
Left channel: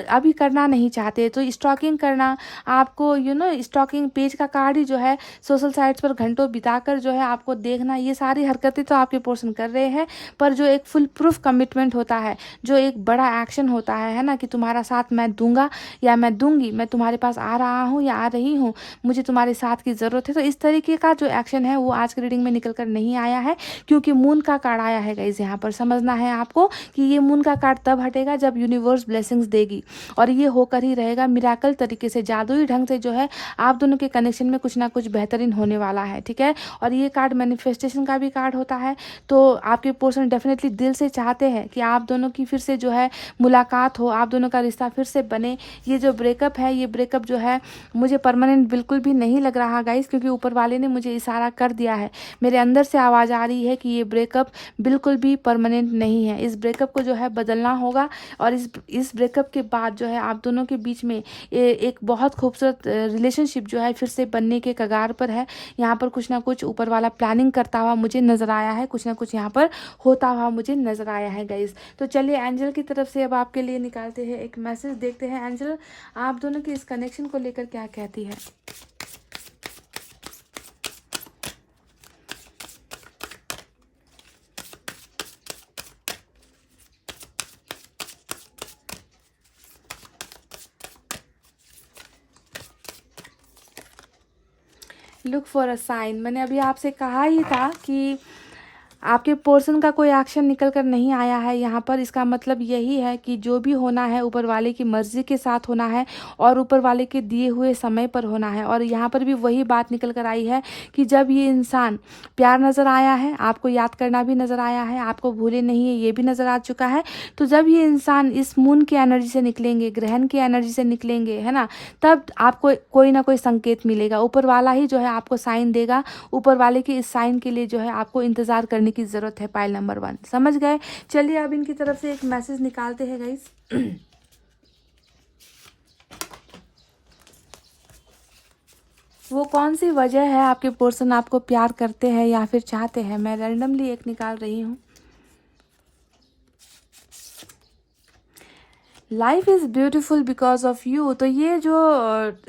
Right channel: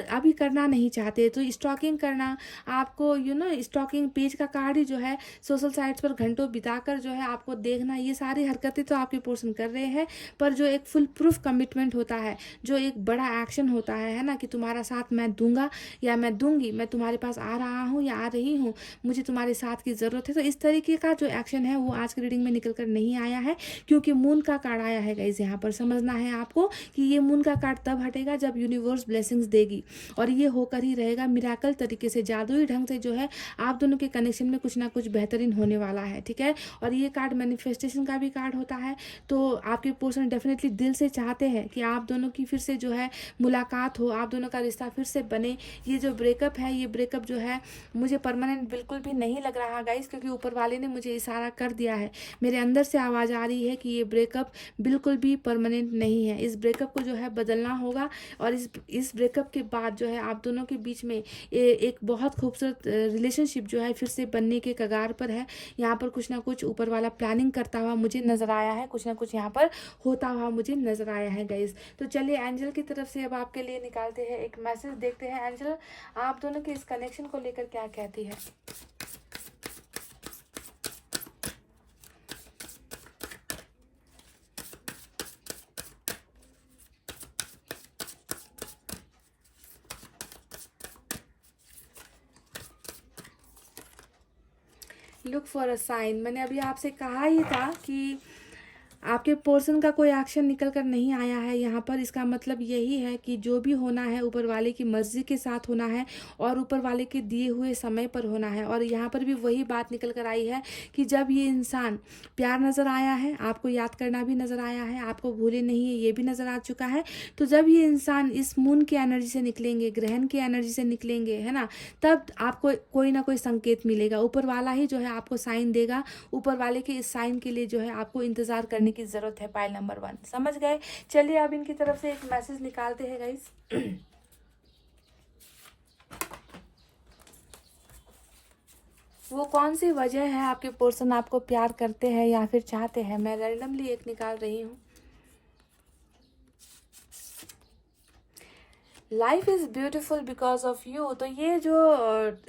अभी करना नहीं चाहते। तो स्टॉकिंग करना आपको स्टॉकिंग पेज का कार्ड ही जो है सोशल साइट्स पर घंटों बिताकर जो है आपको देखना, ये सारी हरकतें तो आपके पर्सन कर रहे हैं। पर जो एक फुल प्रूफ कमिटमेंट होता है, जो एक बड़ा एक्शन होता है ना, कि तुम्हारा साथ मैं दूंगा या मैं दूंगी, मैं तुम्हारे पास आ रहा हूँ या आ रही हूँ, मुझे तुम्हारे साथ की ज़रूरत है। तो इस तरीके का जो एक्शन है वो आज की रीडिंग में निकल कर नहीं आया है, क्योंकि मून का कार्ड आया है गाइस। यहाँ पर समझना है आपको कि ये मून का कार्ड तब हटेगा जब यूनिवर्स ब्लेसिंग्स देगी, और ये होकर ही रहेगा मिराकल तरीके से, जादुई ढंग से जो है आप दोनों के कनेक्शन में कुछ ना कुछ बेहतरीन होने वाला है, ठीक है। और ये कार्ड मैनिफेस्टेशन का भी कार्ड होता है। तो आपके पर्सन डेफिनेटली दिल से चाहते हैं कि आप दोनों की फिर से जो है मुलाकात हो, आप दोनों का रिश्ता फिर से बने। ये जो ब्रेकअप है, ये ब्रेकअप जो है मुझे परमानेंट बिल्कुल भी नहीं लग रहा गाइस, क्योंकि ऊपर वाले ने मुझे इशारा कर दिया है, मेरे अंदर से आवाज़ आ रही है कि ये ब्रेकअप बिल्कुल भी परमानेंट नहीं है। इस ब्रेकअप को जो है बदलना होगा, और इस ब्रेकअप के बाद जो है आप दोनों के बीच में एक बहुत खूबसूरत रिलेशनशिप जो है फिर से बनने के कगार पर है। यहाँ पर कुछ ना कुछ ऊपर वाला प्लानिंग करता हुआ मुझे नज़र आया है, कुछ ना कुछ यहाँ पर होता हुआ मुझे नज़र आया है गाइस। तो चलिए एंजल की तरफ से अब आपके लिए निकालते हैं एक मैसेज, देखते हैं एंजल आप दोनों के इस कनेक्शन को लेकर क्या कहती है। लुक फॉर अ साइन, मैंने अभी आपसे कहा ही था कि आपके पर्सन का कोई एक्शन निकल कर नहीं आया है यहाँ पर। इसका मतलब यही है कि जो भी होना है ऊपर वाले की मर्जी के साथ होना है और ऊपर वाले के दिए हुए समय पर होना है। और यहाँ पर भी वही बात निकल कर आई है कि जब ये इंसान, प्यार नज़र आया है, आपको याद करना भी नज़र आया है, आपको भूले नहीं है ये भी नज़र आ चुका है। तो जब ये इंसान इस मून की एनर्जी से निकलेंगे, ग्रहण की एनर्जी से निकलेंगे, है ना, तब आपको कोई ना कोई संकेत मिलेगा। ऊपर वाला ही जो है आपको साइन देगा। ऊपर वाले के इस साइन के लिए जो है आपको इंतज़ार करने की जरूरत है। पाइल नंबर 1, समझ गए। चलिए अब इनकी तरफ से एक मैसेज निकालते हैं गाइस। वो कौन सी वजह है आपके पर्सन आपको प्यार करते हैं या फिर चाहते हैं, मैं रैंडमली एक निकाल रही हूँ। Life is beautiful because of you. तो ये जो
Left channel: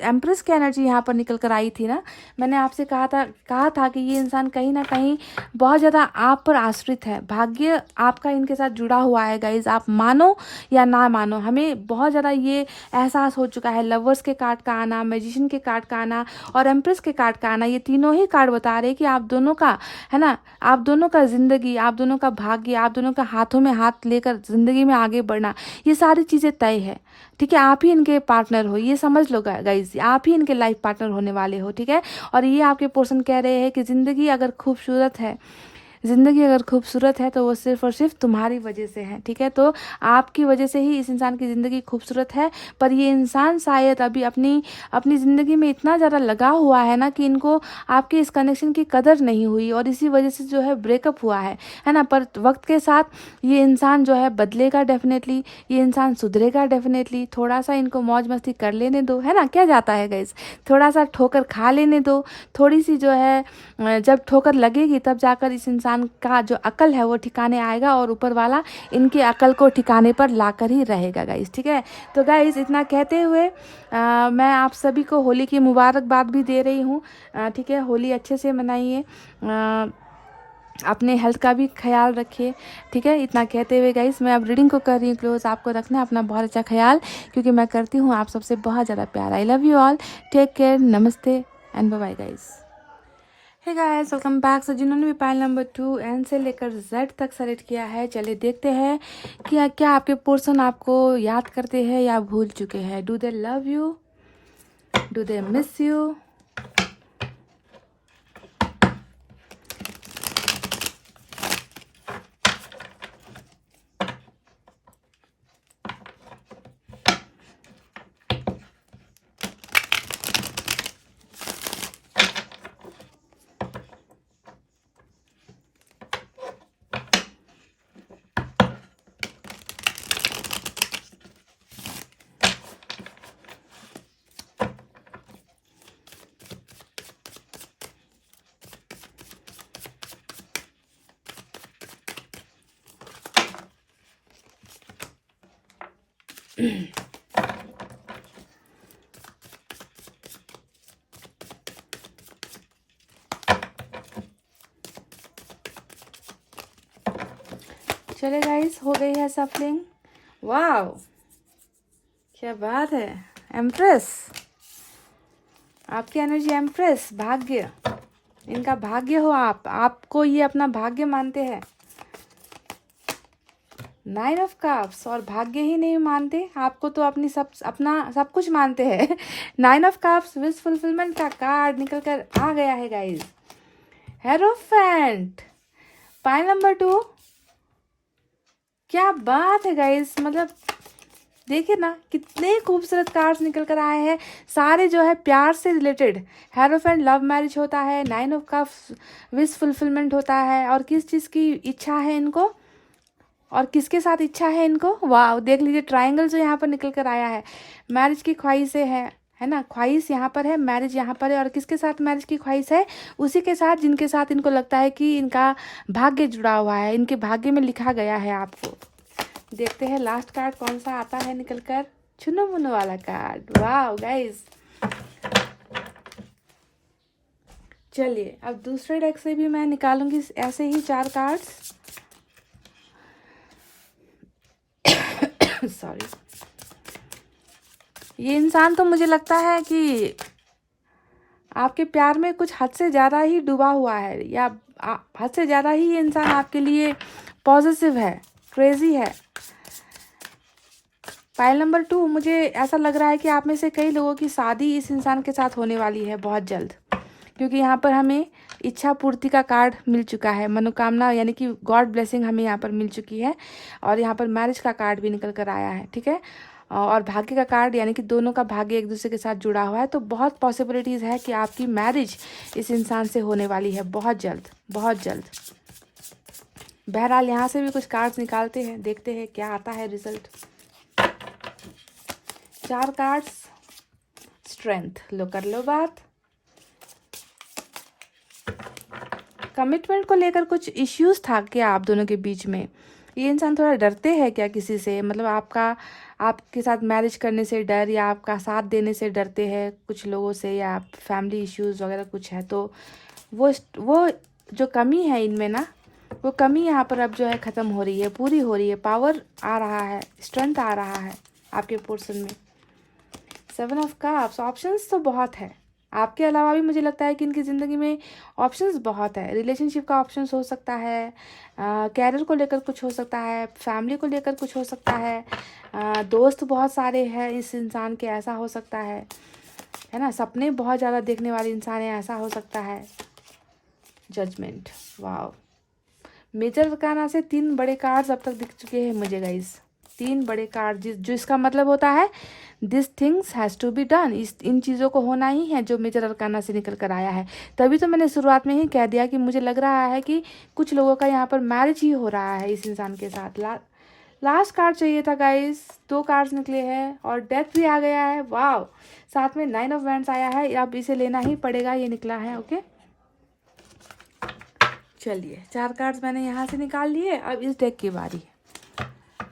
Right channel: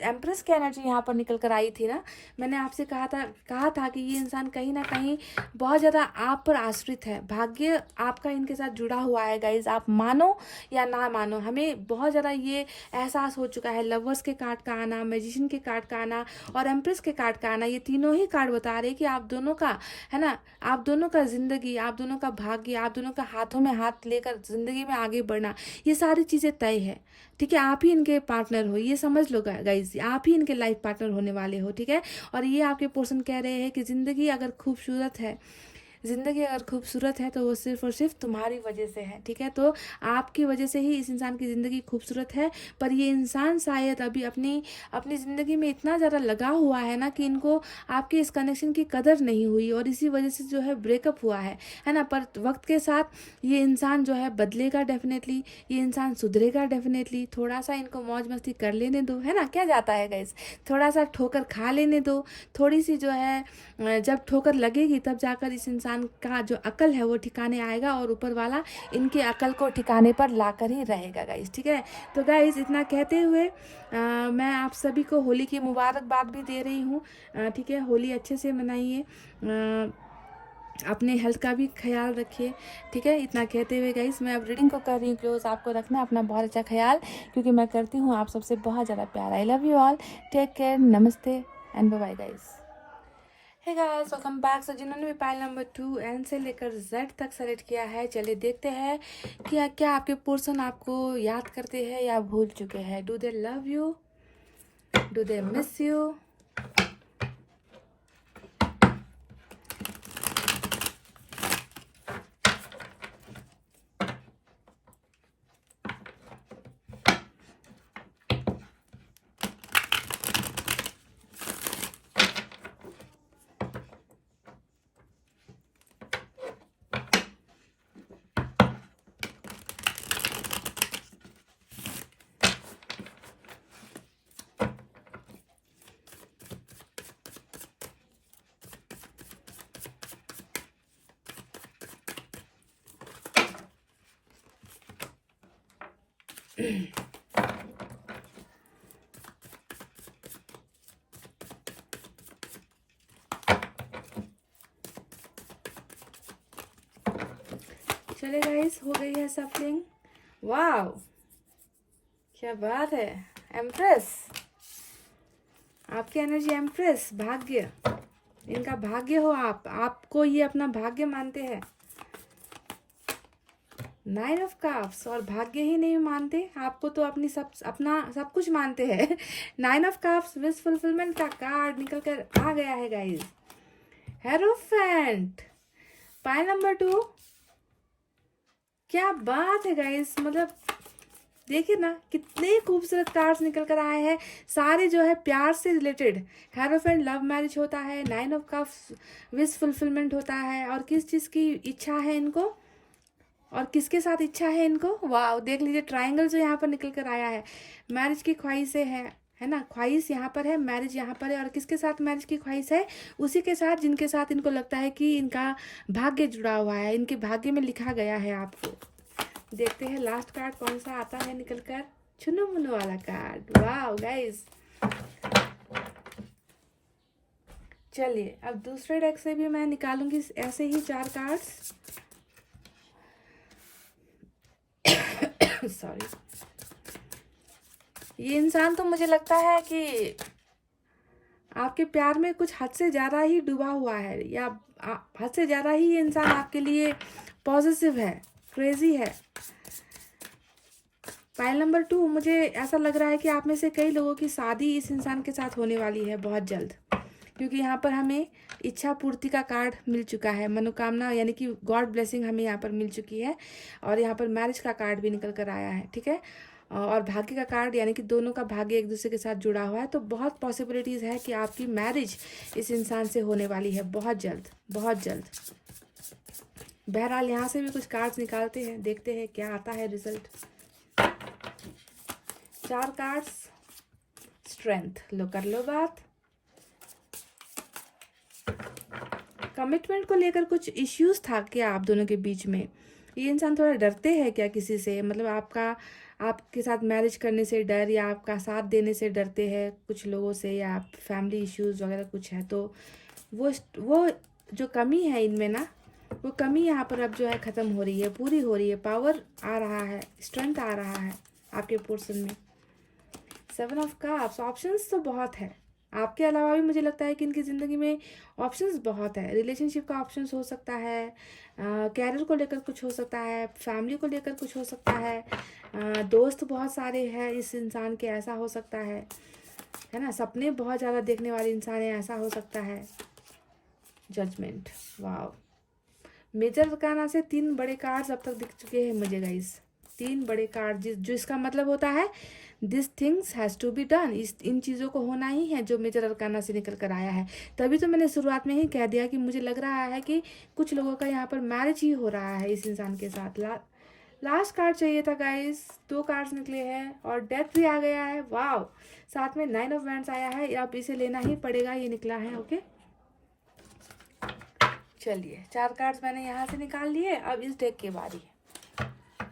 एम्प्रेस की एनर्जी यहाँ पर निकल कर आई थी ना, मैंने आपसे कहा था कि ये इंसान कहीं ना कहीं बहुत ज़्यादा आप पर आश्रित है। भाग्य आपका इनके साथ जुड़ा हुआ है गाइज, आप मानो या ना मानो। हमें बहुत ज़्यादा ये एहसास हो चुका है। लवर्स के कार्ड का आना, मैजिशियन के कार्ड का आना और एम्प्रेस के कार्ड का आना, ये तीनों ही कार्ड बता रहे हैं कि आप दोनों का, है ना, आप दोनों का ज़िंदगी, आप दोनों का भाग्य, आप दोनों का हाथों में हाथ लेकर ज़िंदगी में आगे बढ़ना, ये सारी चीज़ें तय है। ठीक है, आप ही इनके पार्टनर हो, ये समझ लो गाइज, आप ही इनके लाइफ पार्टनर होने वाले हो। ठीक है, और ये आपके पर्सन कह रहे हैं कि ज़िंदगी अगर खूबसूरत है, ज़िंदगी अगर खूबसूरत है तो वो सिर्फ़ और सिर्फ तुम्हारी वजह से है। ठीक है, तो आपकी वजह से ही इस इंसान की ज़िंदगी खूबसूरत है। पर ये इंसान शायद अभी अपनी अपनी ज़िंदगी में इतना ज़्यादा लगा हुआ है ना कि इनको आपके इस कनेक्शन की कदर नहीं हुई और इसी वजह से जो है ब्रेकअप हुआ है ना। पर वक्त के साथ ये इंसान जो है बदलेगा डेफिनेटली, ये इंसान सुधरेगा डेफिनेटली। थोड़ा सा इनको मौज मस्ती कर लेने दो, है ना, क्या जाता है गाइस, थोड़ा सा ठोकर खा लेने दो। थोड़ी सी जो है जब ठोकर लगेगी तब जाकर इस इंसान का जो अकल है वो ठिकाने आएगा और ऊपर वाला इनकी अकल को ठिकाने पर लाकर ही रहेगा गाइस। ठीक है, तो गाइस इतना कहते हुए मैं आप सभी को होली की मुबारकबाद भी दे रही हूँ। ठीक है, होली अच्छे से मनाइए, अपने हेल्थ का भी ख्याल रखिए। ठीक है, इतना कहते हुए गाइस मैं अब रीडिंग को कर रही हूँ क्लोज। आपको रखना है अपना बहुत अच्छा ख्याल, क्योंकि मैं करती हूँ आप सबसे बहुत ज़्यादा प्यार। I love you all, take care, नमस्ते and bye bye guys. Hey guys, welcome back. So जिन्होंने भी पाइल नंबर 2 एन से लेकर जेड तक सेलेक्ट किया है, चलिए देखते हैं कि क्या आपके पर्सन आपको याद करते हैं या भूल चुके हैं। Do they love you, do they miss you? चले गाइस, हो गई है सफलिंग। वाव, क्या बात है। एम्प्रेस, आपकी एनर्जी एम्प्रेस, भाग्य, इनका भाग्य हो आप, आपको ये अपना भाग्य मानते हैं। 9 ऑफ कप्स, और भाग्य ही नहीं मानते, आपको तो अपना सब कुछ मानते हैं। 9 ऑफ कप्स, विश फुलफिलमेंट का कार्ड निकल कर आ गया है गाइस। हेरोफेंट, पाइल नंबर 2, क्या बात है गाइस, मतलब देखिए ना कितने खूबसूरत कार्ड्स निकल कर आए हैं। सारे जो है प्यार से रिलेटेड। हेरोफेंट, लव मैरिज होता है। 9 ऑफ कप्स, विश फुलफिलमेंट होता है। और किस चीज़ की इच्छा है इनको, और किसके साथ इच्छा है इनको, वाह देख लीजिए ट्रायंगल जो यहाँ पर निकल कर आया है। मैरिज की ख्वाहिशें है ना, ख्वाहिश यहाँ पर है, मैरिज यहाँ पर है। और किसके साथ मैरिज की ख्वाहिश है, उसी के साथ जिनके साथ इनको लगता है कि इनका भाग्य जुड़ा हुआ है, इनके भाग्य में लिखा गया है आपको। देखते हैं लास्ट कार्ड कौन सा आता है निकल कर। चुनो मुनो वाला कार्ड, वाह गाइस। चलिए अब दूसरे डेक से भी मैं निकालूंगी ऐसे ही 4 कार्ड्स। सॉरी, ये इंसान तो मुझे लगता है कि आपके प्यार में कुछ हद से ज़्यादा ही डूबा हुआ है, या हद से ज़्यादा ही ये इंसान आपके लिए पॉजिटिव है, क्रेजी है। पाइल नंबर 2, मुझे ऐसा लग रहा है कि आप में से कई लोगों की शादी इस इंसान के साथ होने वाली है बहुत जल्द, क्योंकि यहाँ पर हमें इच्छा पूर्ति का कार्ड मिल चुका है, मनोकामना यानी कि गॉड ब्लेसिंग हमें यहाँ पर मिल चुकी है। और यहाँ पर मैरिज का कार्ड भी निकल कर आया है। ठीक है, और भाग्य का कार्ड, यानी कि दोनों का भाग्य एक दूसरे के साथ जुड़ा हुआ है। तो बहुत पॉसिबिलिटीज़ है कि आपकी मैरिज इस इंसान से होने वाली है बहुत जल्द, बहुत जल्द। बहरहाल यहाँ से भी कुछ कार्ड्स निकालते हैं, देखते हैं क्या आता है रिजल्ट। 4 कार्ड्स, स्ट्रेंथ, लो कर लो बात। कमिटमेंट को लेकर कुछ इश्यूज था क्या आप दोनों के बीच में, ये इंसान थोड़ा डरते हैं क्या किसी से, मतलब आपके साथ मैरिज करने से डर, या आपका साथ देने से डरते हैं कुछ लोगों से, या फैमिली इश्यूज वगैरह कुछ है, तो वो जो कमी है इनमें ना, वो कमी यहाँ पर अब जो है ख़त्म हो रही है, पूरी हो रही है, पावर आ रहा है, स्ट्रेंथ आ रहा है आपके पोर्शन में। 7 ऑफ कप्स, ऑप्शंस तो बहुत है, आपके अलावा भी मुझे लगता है कि इनकी ज़िंदगी में ऑप्शंस बहुत है। रिलेशनशिप का ऑप्शंस हो सकता है, कैरियर को लेकर कुछ हो सकता है, फैमिली को लेकर कुछ हो सकता है, दोस्त बहुत सारे हैं इस इंसान के, ऐसा हो सकता है ना, सपने बहुत ज़्यादा देखने वाले इंसान है, ऐसा हो सकता है। जजमेंट, वाओ, मेजर अरकाना से 3 बड़े कार्ड्स अब तक दिख चुके हैं मुझे गाइस, 3 बड़े कार्ड, जो इसका मतलब होता है this things has to be done, इन चीज़ों को होना ही है जो मेजर अरकाना से निकल कर आया है। तभी तो मैंने शुरुआत में ही कह दिया कि मुझे लग रहा है कि कुछ लोगों का यहाँ पर मैरिज ही हो रहा है इस इंसान के साथ। लास्ट कार्ड चाहिए था गाइस, 2 कार्ड्स निकले हैं और डेथ भी आ गया है, वाह, साथ में 9 ऑफ वैंड्स आया है, अब इसे लेना ही पड़ेगा, ये निकला है। ओके चलिए, 4 कार्ड्स मैंने यहाँ से निकाल लिए, अब इस डेक की बारी है,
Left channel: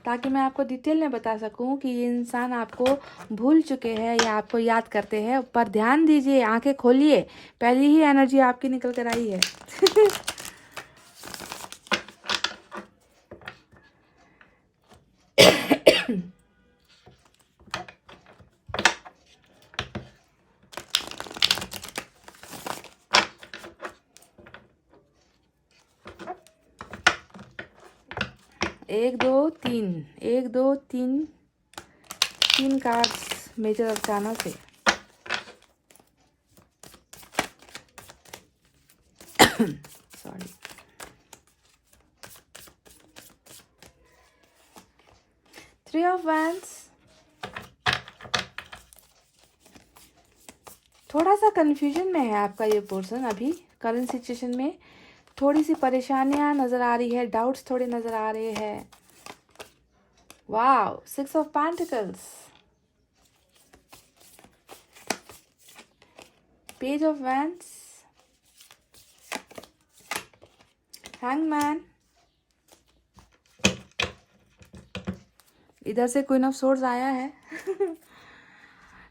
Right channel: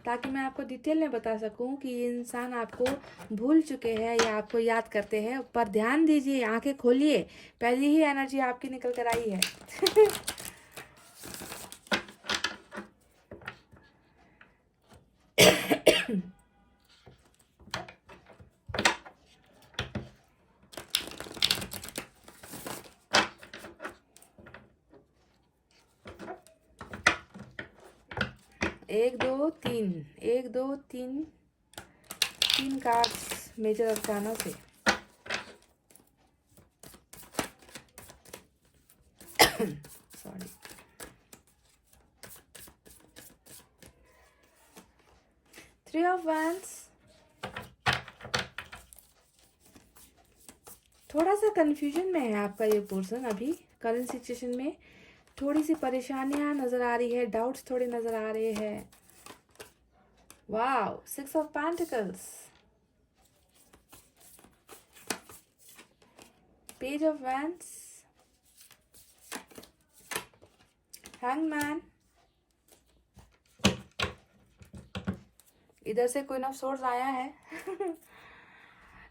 ताकि मैं आपको डिटेल में बता सकूं कि ये इंसान आपको भूल चुके हैं या आपको याद करते हैं। पर ध्यान दीजिए, आंखें खोलिए, पहली ही एनर्जी आपकी निकल कर आई है। एक दो तीन, 3 कार्ड्स मेजर अरकाना से। सॉरी, थ्री ऑफ वैंड्स, थोड़ा सा कंफ्यूजन में है आपका ये पर्सन अभी करंट सिचुएशन में, थोड़ी सी परेशानियां नजर आ रही है, डाउट्स थोड़े नजर आ रहे हैं। Wow, 6 of pentacles, page of wands, hangman, इधर से क्वीन ऑफ सोर्ड्स आया है।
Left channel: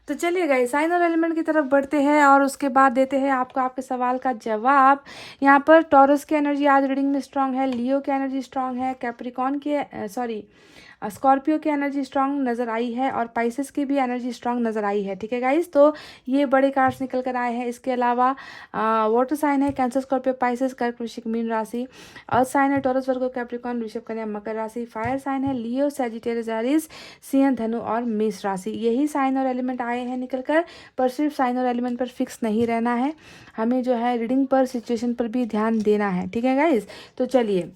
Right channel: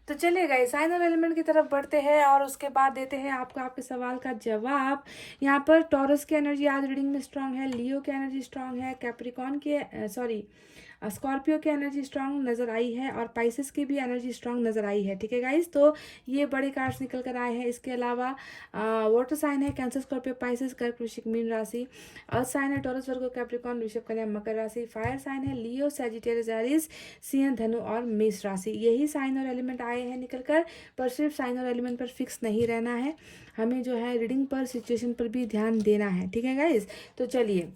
तो चलिए गाइस, साइन और एलिमेंट की तरफ बढ़ते हैं और उसके बाद देते हैं आपको आपके सवाल का जवाब। यहाँ पर टॉरस की एनर्जी आज रीडिंग में स्ट्रांग है, लियो की एनर्जी स्ट्रांग है, कैप्रिकॉन की स्कॉर्पियो की एनर्जी स्ट्रांग नज़र आई है, और पाइसेस की भी एनर्जी स्ट्रांग नज़र आई है। ठीक है गाइस, तो ये बड़े कार्ड्स निकल कर आए हैं। इसके अलावा वाटर साइन है कैंसर, स्कॉर्पियो, पाइसेस, कर्क, वृश्चिक, मीन राशि। अर्थ साइन है टॉरस, वर्गो, कैप्रिकॉन, वृषभ, कन्या, मकर राशि। फायर साइन है लियो, सैजिटेरियस, एरीज, सिंह, धनु और मेष राशि। यही साइन और एलिमेंट आए हैं निकल कर, पर सिर्फ साइन और एलिमेंट पर फिक्स नहीं रहना है, हमें जो है रीडिंग पर, सिचुएशन पर भी ध्यान देना है। ठीक है गाइस, तो चलिए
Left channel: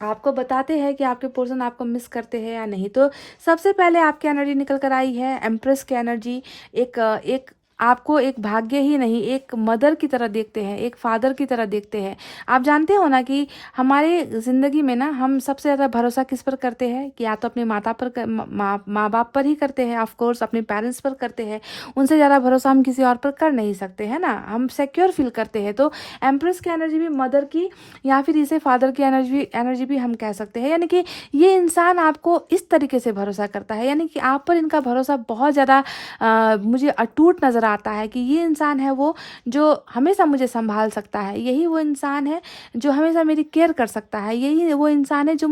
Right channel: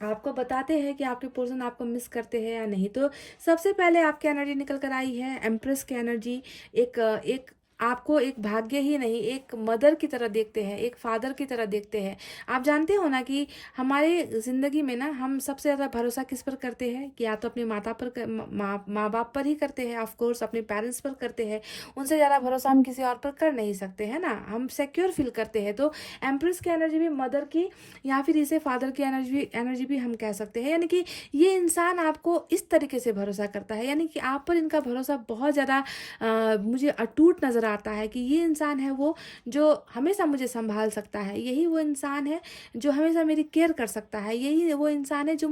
आपको बताते हैं कि आपके पर्सन आपको मिस करते हैं या नहीं। तो सबसे पहले आपकी एनर्जी निकल कर आई है एम्प्रेस की एनर्जी। एक आपको एक भाग्य ही नहीं, एक मदर की तरह देखते हैं, एक फादर की तरह देखते हैं। आप जानते हो ना कि हमारे ज़िंदगी में ना हम सबसे ज़्यादा भरोसा किस पर करते हैं, कि या तो अपने माँ बाप पर ही करते हैं, ऑफ कोर्स अपने पेरेंट्स पर करते हैं, उनसे ज़्यादा भरोसा हम किसी और पर कर नहीं सकते हैं ना, हम सिक्योर फील करते हैं। तो एम्प्रेस की एनर्जी भी मदर की, या फिर इसे फादर की एनर्जी भी हम कह सकते हैं। यानी कि ये इंसान आपको इस तरीके से भरोसा करता है, यानी कि आप पर इनका भरोसा बहुत ज़्यादा मुझे अटूट नज़र आता है, कि ये इंसान है वो जो हमेशा मुझे संभाल सकता है, यही वो इंसान है जो हमेशा मेरी केयर कर सकता है, यही वो इंसान है जो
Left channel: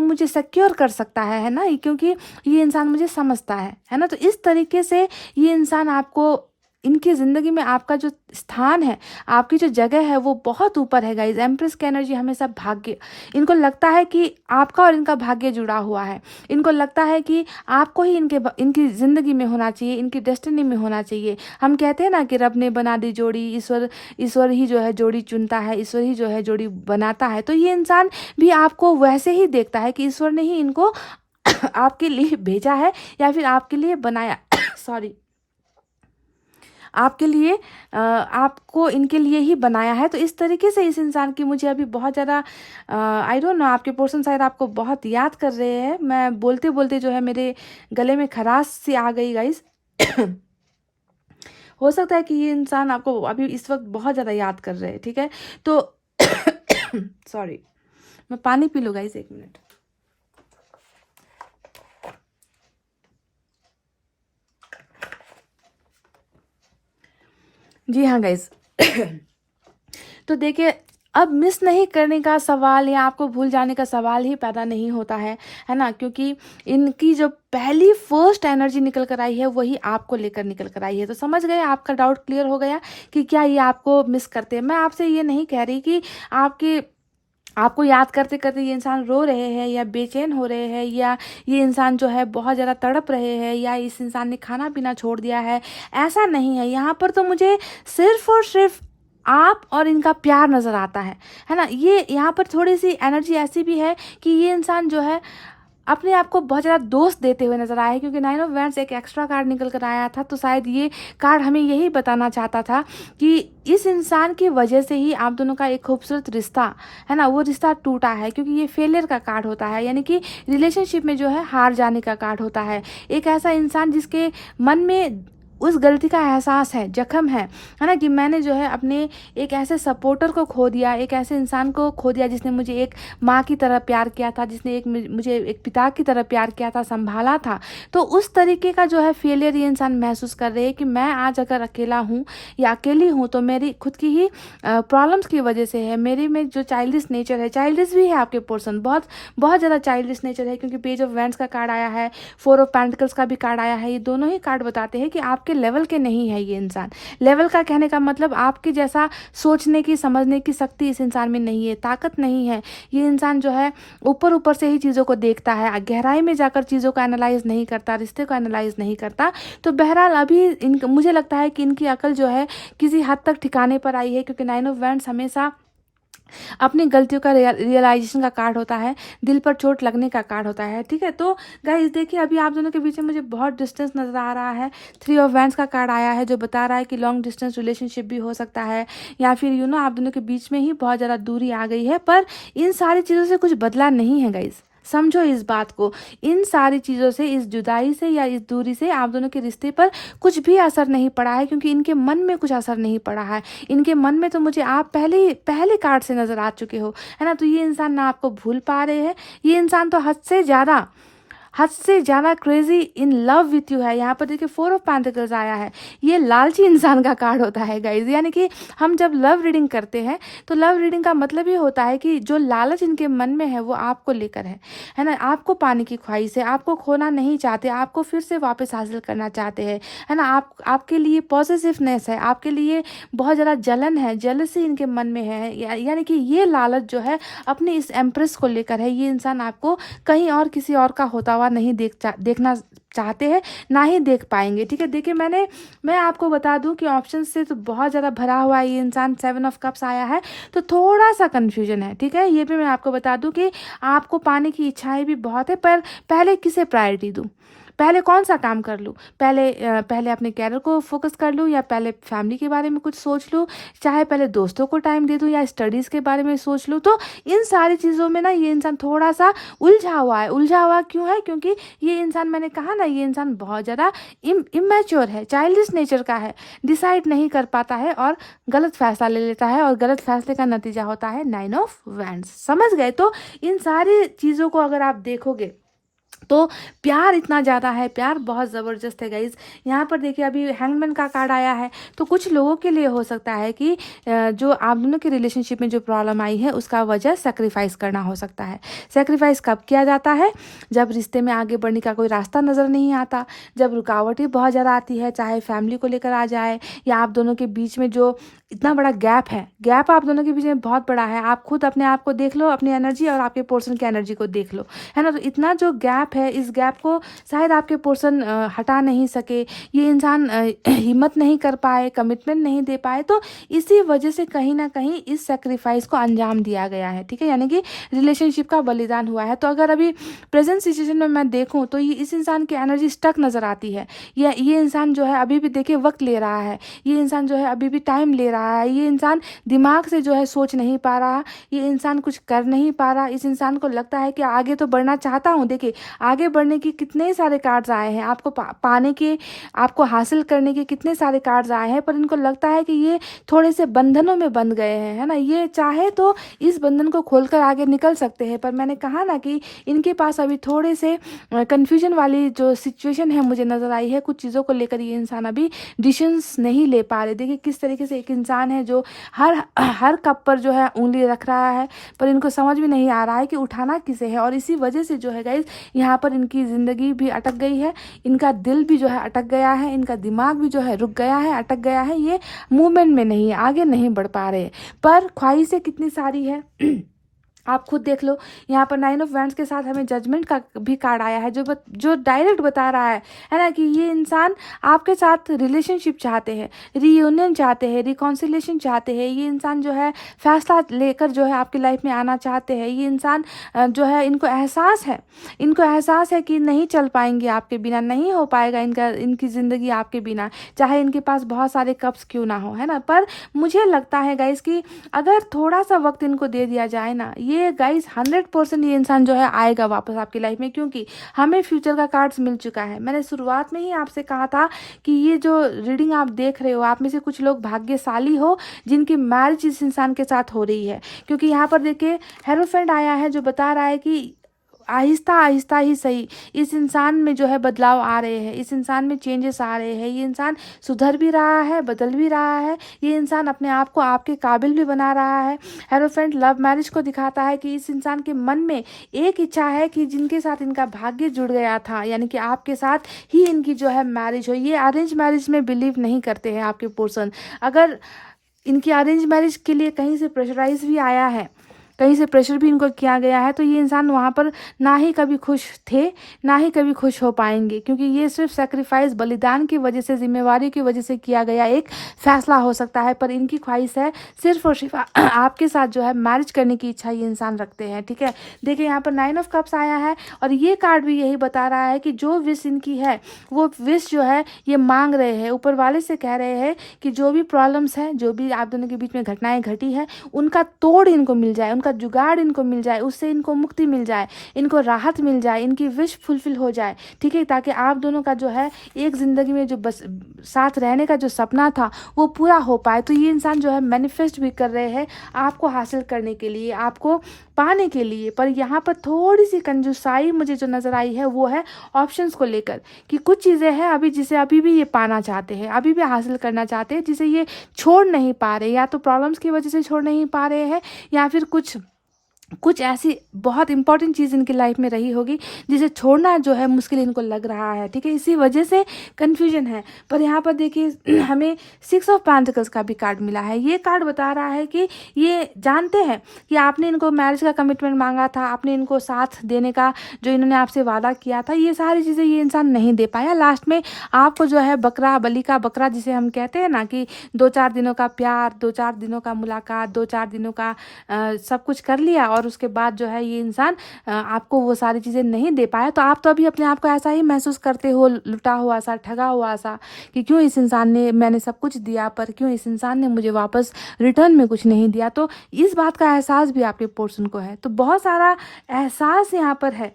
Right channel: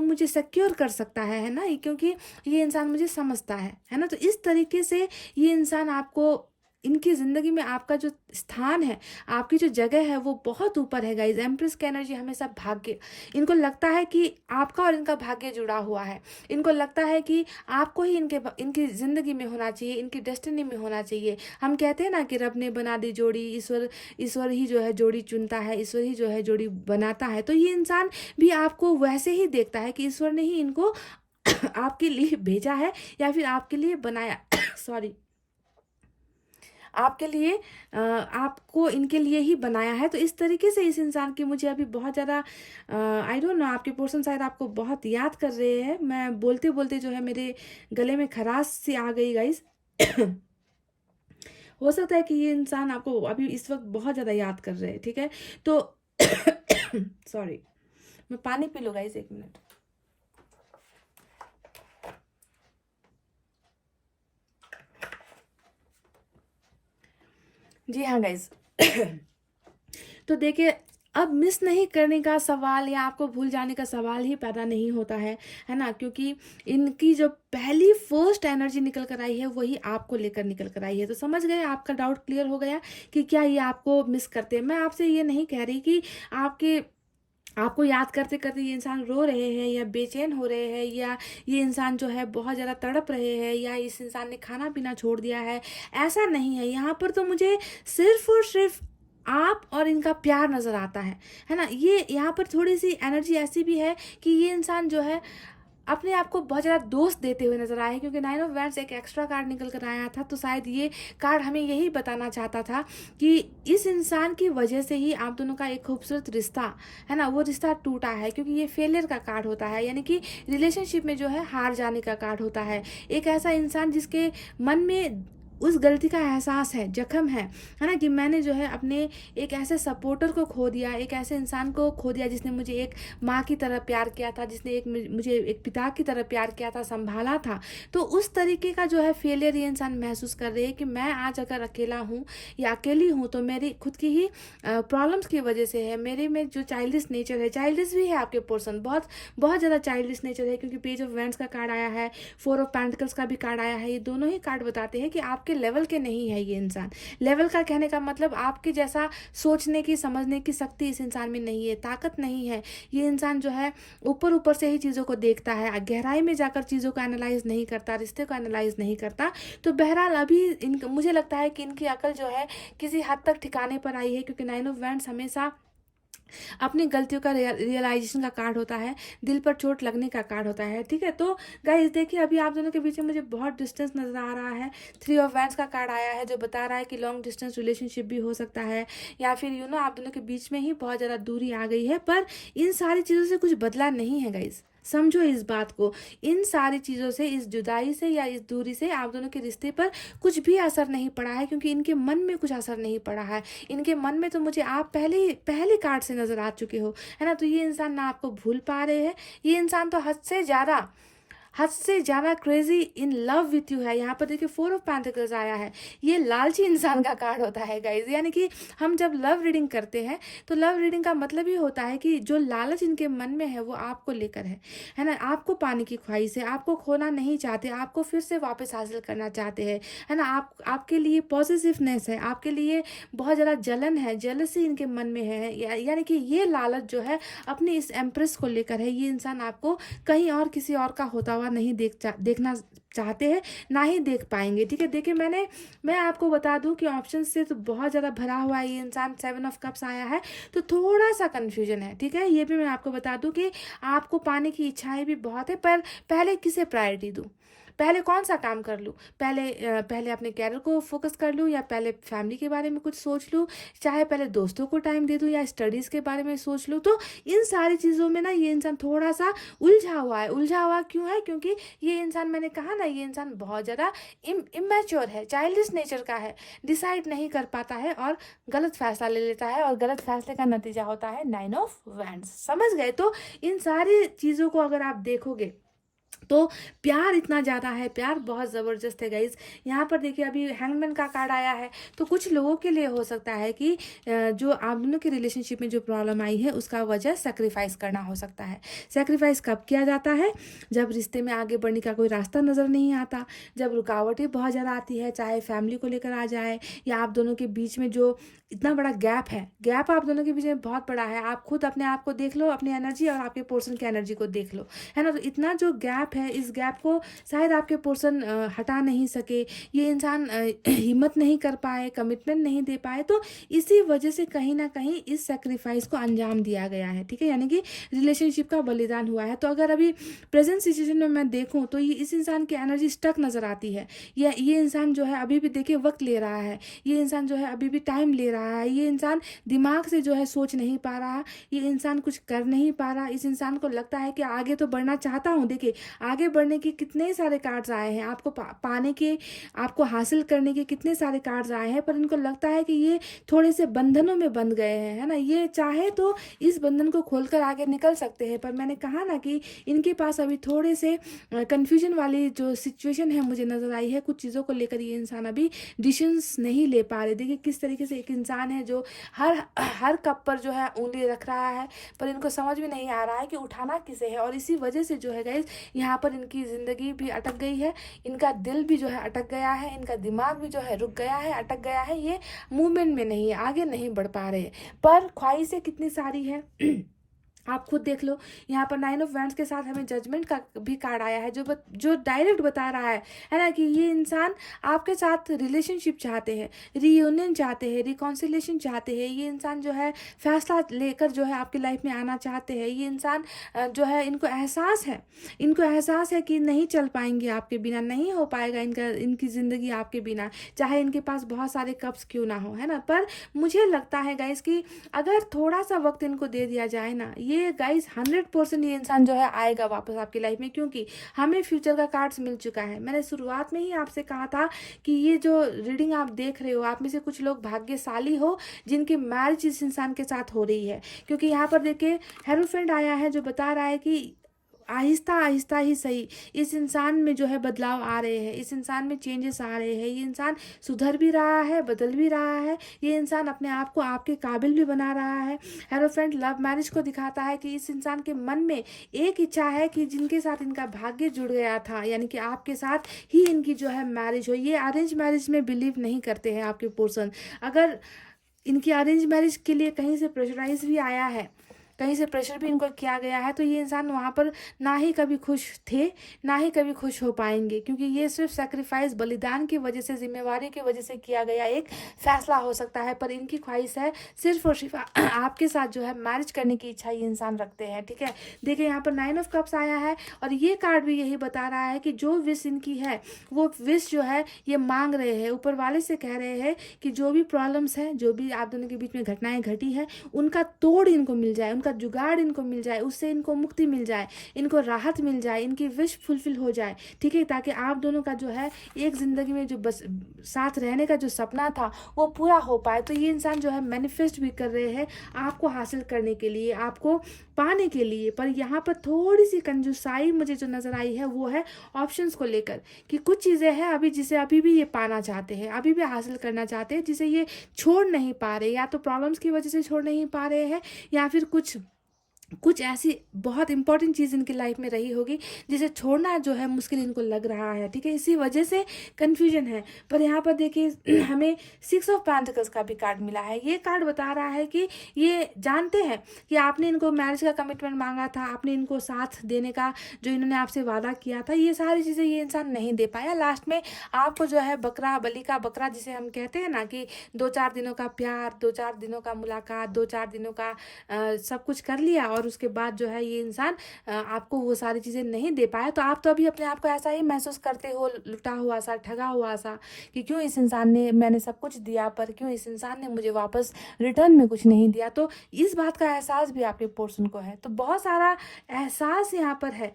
मुझे सिक्योर कर सकता है ना, क्योंकि ये इंसान मुझे समझता है ना। तो इस तरीके से ये इंसान आपको, इनकी ज़िंदगी में आपका जो स्थान है, आपकी जो जगह है, वो बहुत ऊपर है गाइज। एम्प्रेस की एनर्जी हमेशा भाग्य, इनको लगता है कि आपका और इनका भाग्य जुड़ा हुआ है, इनको लगता है कि आपको ही इनकी ज़िंदगी में होना चाहिए, इनकी डेस्टिनी में होना चाहिए। हम कहते हैं ना कि रब ने बना दी जोड़ी, ईश्वर ही जो है जोड़ी चुनता है, ईश्वर ही जो है जोड़ी बनाता है। तो ये इंसान भी आपको वैसे ही देखता है कि ईश्वर ने ही इनको आपके लिए भेजा है, या फिर आपके लिए बनाया सॉरी, आपके लिए आपको इनके लिए ही बनाया है। तो इस तरीके से इस इंसान की मुझे अभी बहुत ज़्यादा आई डोंट नो, आपके पर्सन शायद आपको बहुत याद कर रहे हैं। मैं बोलते बोलते जो है मेरे गले में खराश सी आ गई गाइस। हो सकता है कि ये इंसान आपको अभी इस वक्त बहुत ज़्यादा याद कर रहे हैं। ठीक है, तो सॉरी, मैं पानी पी लूँ गाइस, 1 मिनट। जी हाँ गाइस। तो देखिए, अब मिस नहीं करने का सवाल या आपको भूल जाने का सवाल ही पैदा नहीं होता है ना? क्योंकि इनकी जो पहली फर्स्ट एनर्जी निकल कर आई है वही आपको लेकर निकल कर आई है। तो समझ गए, आपका डाउट क्लियर हो गया कि क्या ये आपको मिस करते हैं। मैं आपसे ये नहीं कह रही कि आपको याद करते करते ये इंसान रो रहे हैं या बेचैन हो रहे हैं, या ये इंसान जो है बहुत ज़्यादा तड़प रहे हैं, या इस इंसान ने खाना पीना छोड़ दिया है। ऐसा नहीं है। यहाँ पर तो मुझे सिर्फ और सिर्फ आप और इनका प्यार नज़र आता है ना? ये यहाँ पर थोड़ी सी एनर्जी ऐसी भी है कि ये इंसान जो है अपने आप को बहुत ज़्यादा दोस्त देते हुए नज़र आया है, क्योंकि 9 ऑफ वैंड्स एक एक्स्ट्रा कार्ड निकल कर आया था। तो शायद ये कार्ड हमें यही बताना चाहता था कि इस इंसान की वजह से ही आप दोनों का एक खूबसूरत रिश्ता है ना, वो रिश्ता टूटा है। क्योंकि ये फेलियर का कार्ड होता है, यानी कि रिलेशनशिप में जो है हार जाने का कार्ड होता है। एक ऐसा इंसान जिसके मन में उस गलती का एहसास है, जख्म है ना, कि मैंने जो है अपने एक ऐसे सपोर्टर को खो दिया, एक ऐसे इंसान को खो दिया जिसने मुझे एक माँ की तरह प्यार किया था, जिसने मुझे एक पिता की तरह प्यार किया था, संभाला था। तो उस तरीके का जो है फेलियर ये इंसान महसूस कर रहे हैं कि मैं आज अगर अकेला हूँ या अकेली हूँ तो मेरी खुद की ही प्रॉब्लम्स की वजह से है। मेरे में जो चाइल्डिश नेचर है, चाइल्डिश भी है आपके पर्सन, बहुत बहुत ज़्यादा चाइल्डिश नेचर है। क्योंकि पेज ऑफ वैंड्स का कार्ड आया है, 4 ऑफ पेंटिकल्स का भी कार्ड आया है। ये दोनों ही कार्ड बताते हैं कि आपके लेवल के नहीं है ये इंसान। लेवल का कहने का मतलब आपके जैसा सोचने की, समझने की शक्ति इस इंसान में नहीं है, ताकत नहीं है। ये इंसान जो है ऊपर ऊपर से ही चीज़ों को देखता है, गहराई में जाकर चीज़ों को एनालाइज नहीं करता, रिश्ते को एनालाइज नहीं करता। तो बहरहाल अभी मुझे लगता है कि इनकी अकल जो है किसी हद तक ठिकाने पर आई है, क्योंकि 9 ऑफ वैंड्स हमेशा अपनी गलतियों का रियलाइजेशन का कार्ड होता है, दिल पर चोट लगने का कार्ड होता है। ठीक है, तो गाइस देखिए, अभी आप दोनों के बीच में मुझे बहुत डिस्टेंस नज़र आ रहा है। 3 ऑफ वैंड्स का कार्ड आया है जो बता रहा है कि लॉन्ग डिस्टेंस रिलेशनशिप भी हो सकता है, या फिर आप दोनों के बीच में ही बहुत ज़्यादा दूरी आ गई है। पर इन सारी चीज़ों से कुछ बदला नहीं है गाइस, समझो इस बात को। इन सारी चीज़ों से, इस जुदाई से या इस दूरी से आप दोनों के रिश्ते पर कुछ भी असर नहीं पड़ा है, क्योंकि इनके मन में कुछ असर नहीं पड़ा है। इनके मन में तो मुझे आप पहले कार्ड से नज़र आ चुके हो, है ना? तो ये इंसान ना आपको भूल पा रहे हैं। ये इंसान तो हद से ज़्यादा crazy in love with you है। यहाँ पर देखिए 4 ऑफ पेंटिकल्स आया है। ये लालची इंसान का कार्ड होता है गाइज। यानी कि हम जब लव रीडिंग करते हैं तो लव रीडिंग का मतलब ये होता है कि जो लालच इनके मन में है वो आपको लेकर है ना? आपको पाने की ख्वाहिश है, आपको खोना नहीं चाहते, आपको फिर से वापस हासिल करना चाहते हैं, है ना? आपके लिए पॉजिटिवनेस है, आपके लिए बहुत ज़्यादा जलन है, जेलसी इनके मन में है। यानी कि ये लालच जो है अपनी इस एम्प्रेस को लेकर है। ये इंसान आपको कहीं और किसी और का होता हुआ नहीं देखना चाहते हैं, ना ही देख पाएंगे। ठीक है, देखिए मैं आपको बता दूं कि ऑप्शन से तो बहुत ज़्यादा भरा हुआ है ये इंसान। 7 ऑफ कप्स आया है तो थोड़ा सा कन्फ्यूजन है। ठीक है, ये भी मैं आपको बता दूं कि आपको पाने की इच्छाएं भी बहुत है, पर पहले किसे प्रायोरिटी दूं, पहले कौन सा काम कर लूँ, पहले अपने कैरियर को फोकस कर लूँ, या पहले फैमिली के बारे में कुछ सोच लूँ, चाहे पहले दोस्तों को टाइम दे दूँ, या स्टडीज़ के बारे में सोच लूँ। तो इन सारी चीज़ों में ना ये इंसान थोड़ा सा उलझा हुआ है। उलझा हुआ क्यों है? क्योंकि ये इंसान, मैंने कहा ना, ये इंसान बहुत ज़्यादा इमेच्योर है, चाइल्डिश नेचर का है, डिसाइड नहीं कर पाता है और गलत फैसला ले लेता है, और गलत फैसले का नतीजा होता है 9 ऑफ वैंड्स। समझ गए? तो इन सारी चीज़ों को अगर आप देखोगे तो प्यार इतना ज़्यादा है, प्यार बहुत ज़बरदस्त है गाइज। यहाँ पर देखिए अभी हैंगमैन का कार्ड आया है। तो कुछ लोगों के लिए हो सकता है कि जो आप दोनों की रिलेशनशिप में जो प्रॉब्लम आई है उसका वजह सेक्रीफाइस करना हो सकता है। सेक्रीफाइस कब किया जाता है? जब रिश्ते में आगे बढ़ने का कोई रास्ता नज़र नहीं आता, जब रुकावटें बहुत ज़्यादा आती है, चाहे फैमिली को लेकर आ जाए, या आप दोनों के बीच में जो इतना बड़ा गैप है, गैप आप दोनों के बीच में बहुत बड़ा है। आप खुद अपने आप को देख लो, अपनी एनर्जी और आपके पोर्सन की एनर्जी को देख लो, है ना? तो इतना जो गैप है, इस गैप को शायद आपके पोर्सन हटा नहीं सके, ये इंसान हिम्मत नहीं कर पाए, कमिटमेंट नहीं दे पाए। तो इसी वजह से कहीं ना कहीं इस सेक्रीफाइस को अंजाम दिया गया है। ठीक है, यानी कि रिलेशनशिप का बलिदान हुआ है। तो अगर अभी प्रेजेंट सिचुएशन में मैं देखूं तो ये इस इंसान की एनर्जी स्टक नज़र आती है। ये इंसान जो है अभी भी देखिए वक्त ले रहा है, ये इंसान जो है अभी भी टाइम ले रहा है, ये इंसान दिमाग से जो है सोच नहीं पा रहा, ये इंसान कुछ कर नहीं पा रहा। इस इंसान को लगता है कि आगे तो बढ़ना चाहता हूँ, देखिए आगे बढ़ने की कितने सारे कार्ड्स आए हैं, आपको पाने के, आपको हासिल करने के कितने सारे कार्ड्स आए हैं, पर इनको लगता है कि ये थोड़े से बंधनों में बंध गए हैं, है ना। ये चाहे तो इस बंधन को खोलकर आगे निकल सकते हैं, पर मैंने कहा ना कि इनके पास अभी थोड़े से कन्फ्यूजन वाली जो सिचुएशन है मुझे नज़र आई है। कुछ चीज़ों को लेकर ये इंसान अभी डिसीजंस नहीं ले पा रहे। देखिए किस तरीके से एक इंसान है जो हर कप पर जो है उंगली रख रहा है, पर इनको समझ में नहीं आ रहा है कि उठाना किसे है। और इसी वजह से जो है गाइस यहाँ पर इनकी ज़िंदगी भी अटक गई है, इनका दिल भी जो है अटक गया है, इनका दिमाग भी जो है रुक गया है, अटक गया है। ये मूवमेंट में नहीं है, आगे नहीं बढ़ पा रहे। पर ख्वाहिशें कितनी सारी है आप खुद देख लो। यहाँ पर 9 ऑफ वैंड्स के साथ हमें जजमेंट का भी कार्ड आया है, जो डायरेक्ट बता रहा है ना, कि ये इंसान आपके साथ रिलेशनशिप चाहते हैं, रीयूनियन चाहते हैं, रिकॉन्सिलेशन चाहते हैं। ये इंसान जो है फैसला लेकर जो है आपकी लाइफ में आना चाहते हैं। ये इंसान जो है इनको एहसास है कि नहीं चल पाएंगे आपके बिना, नहीं हो पाएगा इनकी ज़िंदगी आपके बिना, चाहे इनके पास बहुत सारे कप्स क्यों ना हो, है ना। पर मुझे लगता है गाइस कि अगर थोड़ा सा वक्त इनको दे दिया जाए ना, ये गाइस 100% ये इंसान जो है आएगा वापस आपकी लाइफ में, क्योंकि हमें फ्यूचर का कार्ड्स मिल चुका है। मैंने शुरुआत में ही आपसे कहा था कि ये जो रीडिंग आप देख रहे हो, आप में से कुछ लोग भाग्यशाली हो जिनकी मैरिज इस इंसान के साथ हो रही है। क्योंकि यहाँ पर देखिए हेरोफेंट आया है जो बता रहा है कि आहिस्ता आहिस्ता ही सही इस इंसान में जो है बदलाव आ रहे हैं, इस इंसान में चेंजेस आ रहे हैं। ये इंसान सुधर भी रहा है, बदल भी रहा है। ये इंसान अपने आप को आपके काबिल भी बना रहा है। हेरोफेंट लव मैरिज को दिखाता है कि इस इंसान के मन में एक इच्छा है कि जिनके साथ इनका भाग्य जुड़ गया था, यानी कि आपके साथ ही इनकी जो है मैरिज हो। ये अरेंज मैरिज में बिलीव नहीं करते हैं आपके पर्सन। अगर इनकी अरेंज मैरिज के लिए कहीं से प्रेशराइज भी आया है, कहीं से प्रेशर भी इनको किया गया है, तो ये इंसान वहाँ पर ना ही कभी खुश थे, ना ही कभी खुश हो पाएंगे। क्योंकि ये सिर्फ सेक्रीफाइस, बलिदान की वजह से, जिम्मेवारी की वजह से किया गया एक फैसला हो सकता है। पर इनकी ख्वाहिश है सिर्फ और सिर्फ आपके साथ जो है मैरिज करने की इच्छा ये इंसान रखते हैं, ठीक है। देखिए यहाँ पर 9 ऑफ कप्स आया है और ये कार्ड भी यही बता रहा है कि जो विश इनकी है वो विश जो है ये मांग रहे हैं, ऊपर वाले से कह रहे हैं कि जो भी प्रॉब्लम्स हैं, जो भी आप दोनों के बीच में घटनाएं घटी है, उनका तोड़ इनको मिल जाए, उनका जुगाड़ इनको मिल जाए, उससे इनको मुक्ति मिल जाए, इनको राहत मिल जाए, इनकी विश फुलफिल हो जाए, ठीक है। ताकि आप दोनों का जो है एक ज़िंदगी में जो बस साथ रहने का जो सपना था वो पूरा हो पाए। तो ये इंसान जो है मैनिफेस्ट भी कर रहे हैं आपको हासिल करने के लिए, आपको पाने के लिए। पर यहाँ पर थोड़ी सी कंजूसाई मुझे जो नज़र आई है वो है ऑप्शंस को लेकर, कि कुछ चीज़ें हैं अभी जिसे अभी भी ये पाना चाहते हैं, अभी भी हासिल करना चाहते हैं, जिसे ये छोड़ नहीं पा रहे। या तो प्रॉब्लम्स की वजह से छोड़ नहीं पा रहे हैं, या फिर कुछ ऐसी बहुत इंपॉर्टेंट चीज़ इनकी लाइफ में रही होगी जिसे छोड़ना जो है मुश्किल इनको लग रहा है, ठीक है। इसी वजह से कन्फ्यूजन है। पर यहाँ पर देखिए हमें 6 ऑफ पेंटिकल्स का भी कार्ड मिला है। ये कार्ड बता रहा है कि ये जानते हैं कि आपने इनको मैरिज का कमिटमेंट मांगा था, आपने इनको साथ देने का जो इन्होंने आपसे वादा किया था, ये सारी चीज़ें ये इंसान नहीं दे पाया। लास्ट में आपको जो है बलि का बकरा जिसे हम कहते हैं ना, कि 2-4 दिनों का प्यार, 2-4 दिनों का मुलाकात, 2-4 दिनों का सब कुछ कर लिया और उसके बाद जो है ये इंसान आपको वो सारी चीज़ें नहीं दे पाया। तो आप तो अभी अपने आप को ऐसा ही महसूस करते हो, लुटा हुआ सा, ठगा हुआ सा, कि क्यों इस इंसान ने, मैंने सब कुछ दिया पर क्यों इस इंसान ने मुझे वापस रिटर्न में कुछ नहीं दिया। तो इस बात का एहसास भी आपके पर्सन को है। तो बहुत सारा एहसास यहाँ पर है,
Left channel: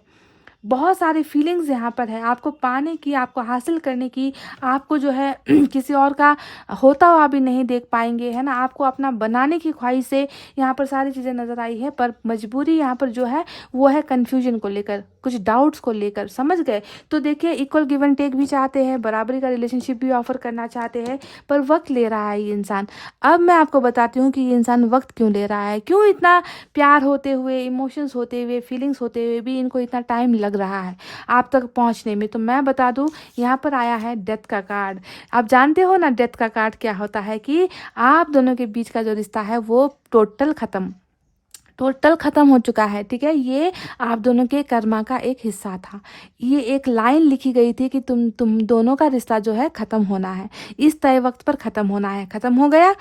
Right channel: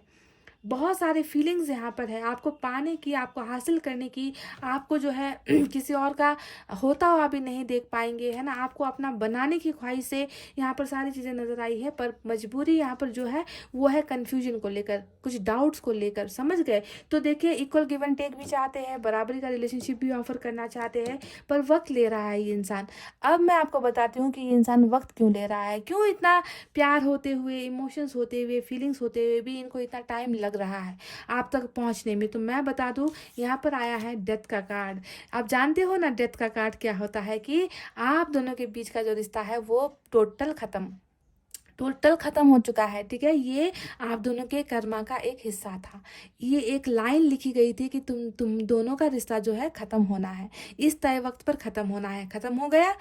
बहुत सारी फीलिंग्स यहाँ पर है आपको पाने की, आपको हासिल करने की। आपको जो है किसी और का होता हुआ भी नहीं देख पाएंगे, है ना। आपको अपना बनाने की ख्वाहिश से यहाँ पर सारी चीज़ें नज़र आई है। पर मजबूरी यहाँ पर जो है वो है कन्फ्यूजन को लेकर, कुछ डाउट्स को लेकर, समझ गए। तो देखिए इक्वल गिव एंड टेक भी चाहते हैं, बराबरी का रिलेशनशिप भी ऑफर करना चाहते हैं, पर वक्त ले रहा है ये इंसान। अब मैं आपको बताती हूँ कि ये इंसान वक्त क्यों ले रहा है, क्यों इतना प्यार होते हुए, इमोशंस होते हुए, फीलिंग्स होते हुए भी इनको इतना टाइम लग रहा है आप तक पहुंचने में। तो मैं बता दूं, यहाँ पर आया है डेथ का कार्ड। आप जानते हो ना डेथ का कार्ड क्या होता है, कि आप दोनों के बीच का जो रिश्ता है वो टोटल ख़त्म हो चुका है, ठीक है। ये आप दोनों के कर्मा का एक हिस्सा था। ये एक लाइन लिखी गई थी कि तुम दोनों का रिश्ता जो है ख़त्म होना है, इस तय वक्त पर ख़त्म होना है। ख़त्म हो गया,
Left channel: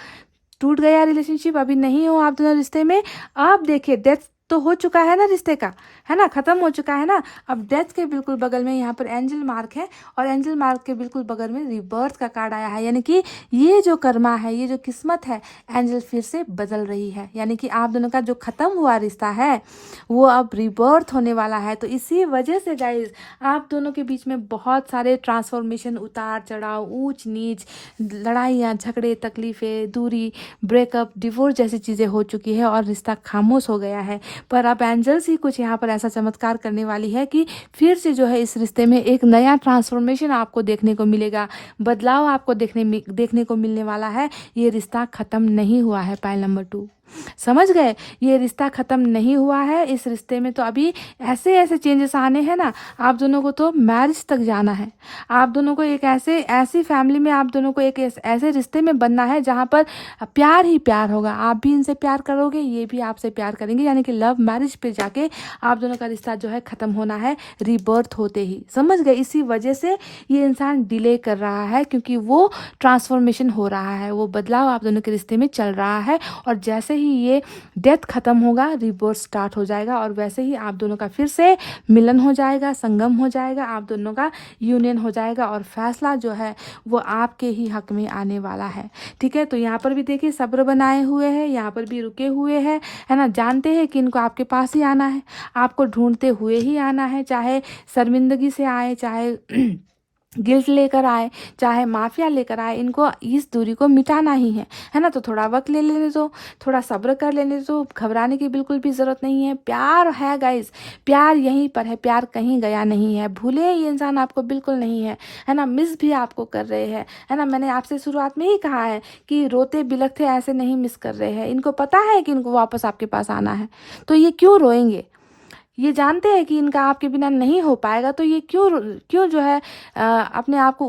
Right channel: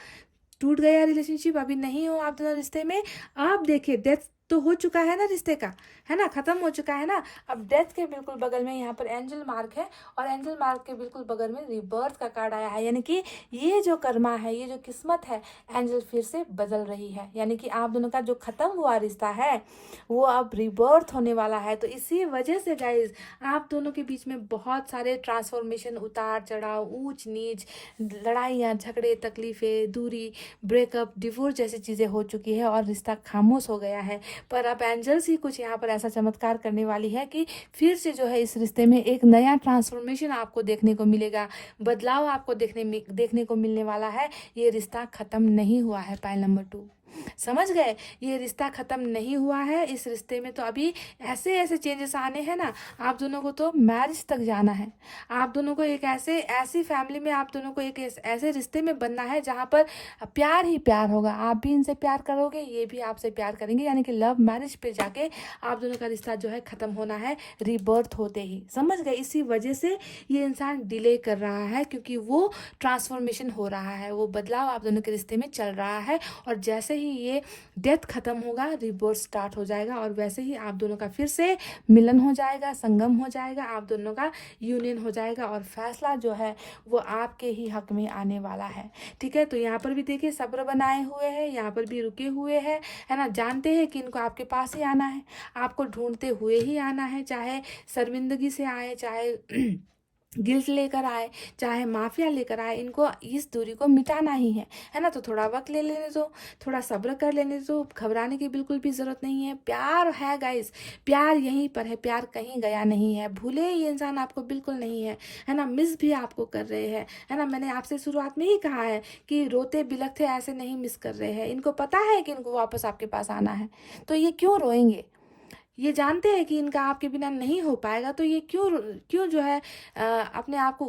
टूट गया रिलेशनशिप, अभी नहीं हो आप दोनों रिश्ते में। अब देखिए डेथ तो हो चुका है ना रिश्ते का, है ना, खत्म हो चुका है ना। अब डेथ के बिल्कुल बगल में यहाँ पर एंजल मार्क है और एंजल मार्क के बिल्कुल बगल में रिबर्थ का कार्ड आया है, यानी कि ये जो कर्मा है, ये जो किस्मत है, एंजल फिर से बदल रही है, यानी कि आप दोनों का जो खत्म हुआ रिश्ता है वो अब रिबर्थ होने वाला है। तो इसी वजह से गाइज आप दोनों के बीच में बहुत सारे ट्रांसफॉर्मेशन, उतार चढ़ाव, ऊंच नीच, लड़ाइयाँ झगड़े, तकलीफें, दूरी, ब्रेकअप, डिवोर्स जैसी चीज़ें हो चुकी है और रिश्ता खामोश हो गया है। पर अब एंजल्स ही कुछ यहाँ पर ऐसा चमत्कार करने वाली है कि फिर से जो है इस रिश्ते में एक नया ट्रांसफॉर्मेशन आपको देखने को मिलेगा, बदलाव आपको देखने को मिलने वाला है। ये रिश्ता खत्म नहीं हुआ है। पाइल नंबर 2, समझ गए, ये रिश्ता खत्म नहीं हुआ है। इस रिश्ते में तो अभी ऐसे ऐसे चेंजेस आने हैं ना, आप दोनों को तो मैरिज तक जाना है। आप दोनों को एक ऐसी फैमिली में, आप दोनों को एक ऐसे रिश्ते में बनना है जहाँ पर प्यार ही प्यार होगा। आप भी इनसे प्यार करोगे, ये भी आपसे प्यार करेंगे, यानी कि लव मैरिज पे जाके आप दोनों का रिश्ता जो है खत्म होना है रीबर्थ होते ही, समझ गए। इसी वजह से ये इंसान डिले कर रहा है, क्योंकि वो ट्रांसफॉर्मेशन हो रहा है, वो बदलाव आप दोनों के रिश्ते में चल रहा है। और जैसे ही ये डेथ खत्म होगा, रिबर्थ स्टार्ट हो जाएगा और वैसे ही आप दोनों का फिर से मिलन हो जाएगा, संगम हो जाएगा, आप दोनों का यूनियन हो जाएगा और फैसला जो है वो आपके ही हक में आने वाला है। ठीक है, तो यहाँ पर भी देखिए सब्र बनाए हुए हैं, यहाँ पर भी रुके हुए हैं, है ना, जानते हैं कि इनको आपके पास ही आना है, आपको ढूंढते हुए ही आना है, चाहे शर्मिंदगी से आए, चाहे गिल्ट लेकर आए, चाहे माफिया लेकर आए, इनको इस दूरी को मिटाना ही है ना। तो थोड़ा वक्त ले लेने दो, थोड़ा सब्र कर लेने दो, घबराने की बिल्कुल भी ज़रूरत नहीं है। प्यार है गाइस, प्यार यहीं पर है, प्यार कहीं गया नहीं है। भूले ये इंसान आपको बिल्कुल नहीं है ना, मिस भी आपको कर रहे हैं, है ना। मैंने आपसे शुरुआत में ही कहा है कि रोते बिलखते ऐसे नहीं मिस कर रहे हैं, इनको पता है कि इनको वापस आपके पास आना है, तो ये क्यों रोएंगे। ये जानते हैं कि इनका आपके बिना नहीं हो पाएगा, तो ये क्यों क्यों जो है अपने आप को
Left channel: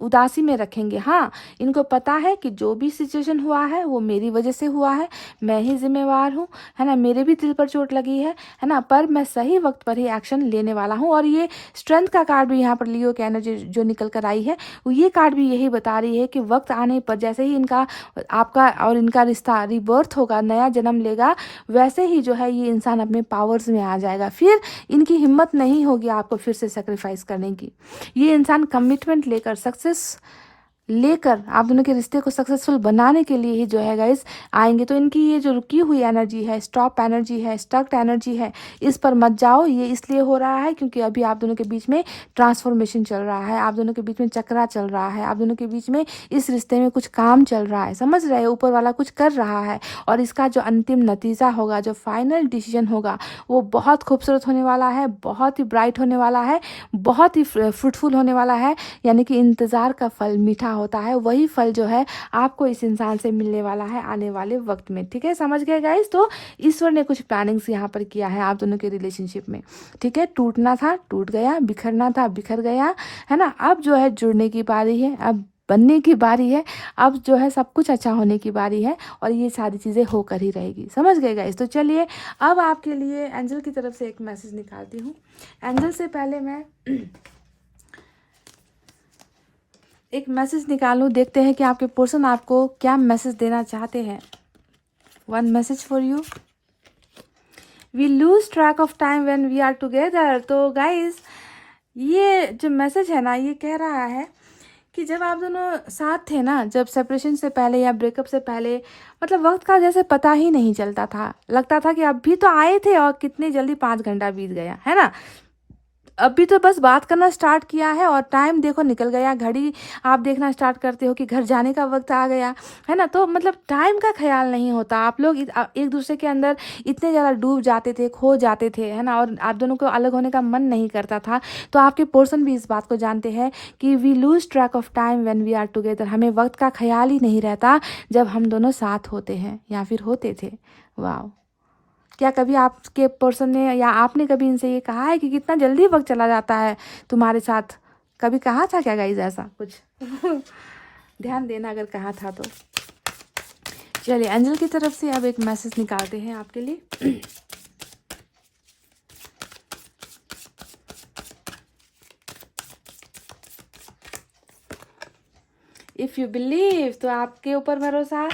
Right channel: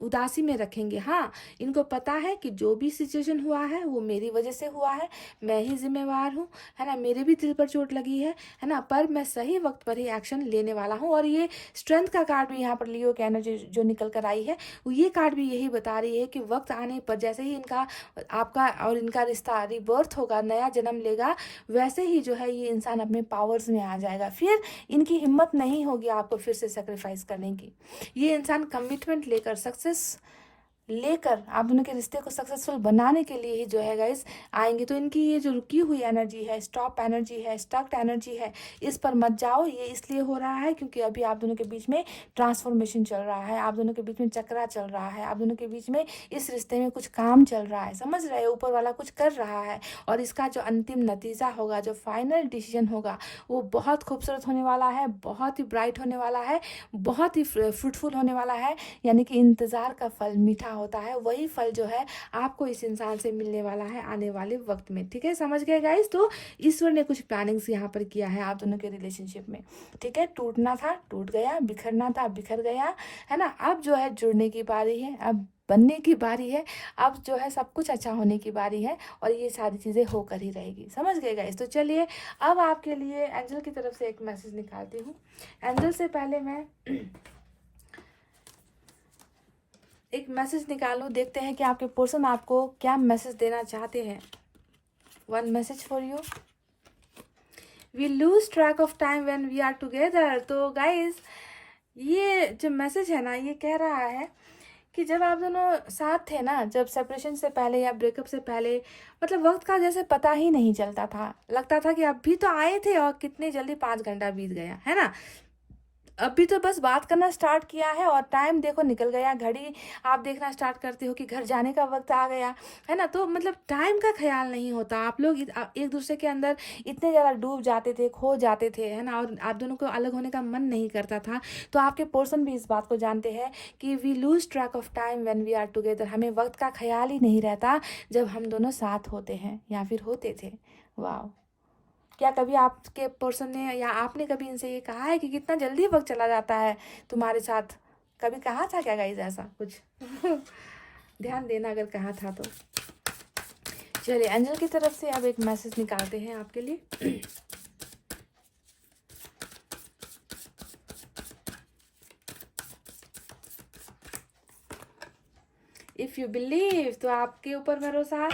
उदासी में रखेंगे। हाँ, इनको पता है कि जो भी सिचुएशन हुआ है वो मेरी वजह से हुआ है, मैं ही जिम्मेवार हूँ, है ना, मेरे भी दिल पर चोट लगी है ना, पर मैं सही वक्त पर ही एक्शन लेने वाला हूँ। और ये स्ट्रेंथ का कार्ड भी यहाँ पर लियो की एनर्जी जो निकल कर आई है, ये कार्ड भी यही बता रही है कि वक्त आने पर जैसे ही इनका आपका और इनका रिश्ता रिबर्थ होगा, नया जन्म लेगा, वैसे ही जो है ये इंसान अपने पावर्स में आ जाएगा। फिर इनकी हिम्मत नहीं होगी आपको फिर से सेक्रीफाइस करने की। ये इंसान कमिटमेंट लेकर, सक्सेस लेकर आप दोनों के रिश्ते को सक्सेसफुल बनाने के लिए ही जो है गाइस आएंगे। तो इनकी ये जो रुकी हुई एनर्जी है, स्टॉप एनर्जी है, स्टक्ड एनर्जी है, इस पर मत जाओ। ये इसलिए हो रहा है क्योंकि अभी आप दोनों के बीच में ट्रांसफॉर्मेशन चल रहा है, आप दोनों के बीच में चक्रा चल रहा है, आप दोनों के बीच में इस रिश्ते में कुछ काम चल रहा है, समझ रहे हैं, ऊपर वाला कुछ कर रहा है। और इसका जो अंतिम नतीजा होगा, जो फाइनल डिसीजन होगा, वो बहुत खूबसूरत होने वाला है, बहुत ही ब्राइट होने वाला है, बहुत ही फ्रूटफुल होने वाला है। यानी कि इंतज़ार का फल मीठा होता है, वही फल जो है आपको इस इंसान से मिलने वाला है आने वाले वक्त में। ठीक है, समझ गए गाइस। तो ईश्वर ने कुछ प्लानिंग्स यहाँ पर किया है आप दोनों के रिलेशनशिप में। ठीक है, टूटना था टूट गया, बिखरना था बिखर गया, है ना। अब जो है जुड़ने की बारी है, अब बनने की बारी है, अब जो है सब कुछ अच्छा होने की बारी है और ये सारी चीज़ें होकर ही रहेगी, समझ गए गाइस। तो चलिए अब आपके लिए एंजल की तरफ से एक मैसेज निकालती हूँ। एंजल से पहले मैं एक मैसेज निकालूं, देखते हैं कि आपके पर्सन आपको क्या मैसेज देना चाहते हैं। One message for you, we lose track of time when we are together. तो गाइस ये जो मैसेज है ना, ये कह रहा है कि जब आप दोनों साथ थे ना, जब सेपरेशन से पहले या ब्रेकअप से पहले, मतलब वक्त का जैसे पता ही नहीं चलता था, लगता था कि अभी तो आए थे और कितनी जल्दी 5 घंटा बीत गया, है ना। अभी तो बस बात करना स्टार्ट किया है और टाइम देखो निकल गया, घड़ी आप देखना स्टार्ट करते हो कि घर जाने का वक्त आ गया, है ना। तो मतलब टाइम का ख्याल नहीं होता, आप लोग एक दूसरे के अंदर इतने ज़्यादा डूब जाते थे, खो जाते थे, है ना, और आप दोनों को अलग होने का मन नहीं करता था। तो आपके पर्सन भी इस बात को जानते हैं कि we lose track of time when we are together, हमें वक्त का ख्याल ही नहीं रहता जब हम दोनों साथ होते हैं या फिर होते थे। वाह, क्या कभी आपके पर्सन ने या आपने कभी इनसे ये कहा है कि कितना जल्दी वक्त चला जाता है तुम्हारे साथ, कभी कहा था क्या गाइज ऐसा कुछ? ध्यान देना अगर कहा था तो। चलिए एंजल की तरफ से अब एक मैसेज निकालते हैं आपके लिए। इफ़ यू बिलीव, तो आपके ऊपर भरोसा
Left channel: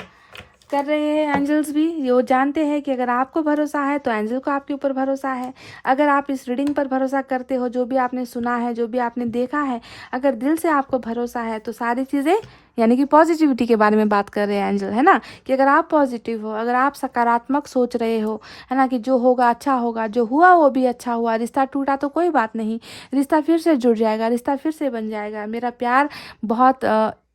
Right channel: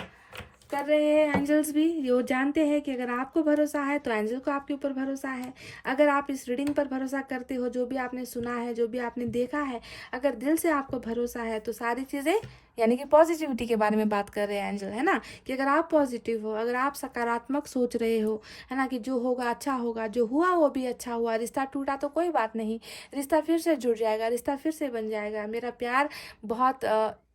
कर रहे हैं एंजल्स भी। वो जानते हैं कि अगर आपको भरोसा है तो एंजल को आपके ऊपर भरोसा है। अगर आप इस रीडिंग पर भरोसा करते हो, जो भी आपने सुना है, जो भी आपने देखा है, अगर दिल से आपको भरोसा है तो सारी चीज़ें, यानी कि पॉजिटिविटी के बारे में बात कर रहे हैं एंजल, है ना, कि अगर आप पॉजिटिव हो, अगर आप सकारात्मक सोच रहे हो, है ना, कि जो होगा अच्छा होगा, जो हुआ वो भी अच्छा हुआ, रिश्ता टूटा तो कोई बात नहीं, रिश्ता फिर से जुड़ जाएगा, रिश्ता फिर से बन जाएगा, मेरा प्यार बहुत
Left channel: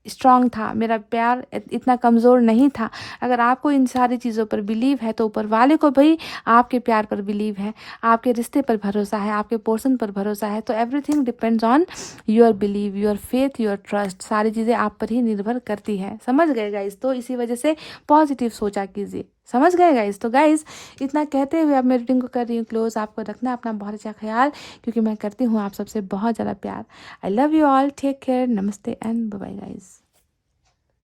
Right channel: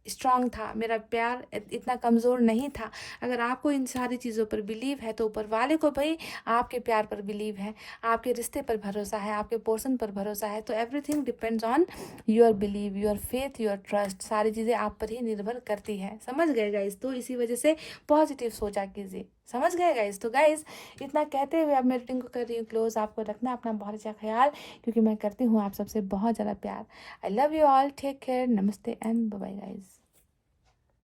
स्ट्रांग था, मेरा प्यार इतना कमज़ोर नहीं था। अगर आपको इन सारी चीज़ों पर बिलीव है तो ऊपर वाले को भी आपके प्यार पर बिलीव है, आपके रिश्ते पर भरोसा है, आपके पोर्शन पर भरोसा है। तो everything depends on your believe, your faith, your trust. सारी चीज़ें आप पर ही निर्भर करती है। समझ गए गाइस? तो इसी वजह से पॉजिटिव सोचा कीजिए। समझ गए गाइस? तो गाइस इतना कहते हुए अब मैं रीडिंग को कर रही हूँ क्लोज। आपको रखना अपना बहुत अच्छा ख्याल, क्योंकि मैं करती हूँ आप सबसे बहुत ज़्यादा प्यार। I love you all, take care, नमस्ते एंड बाय बाय गाइस।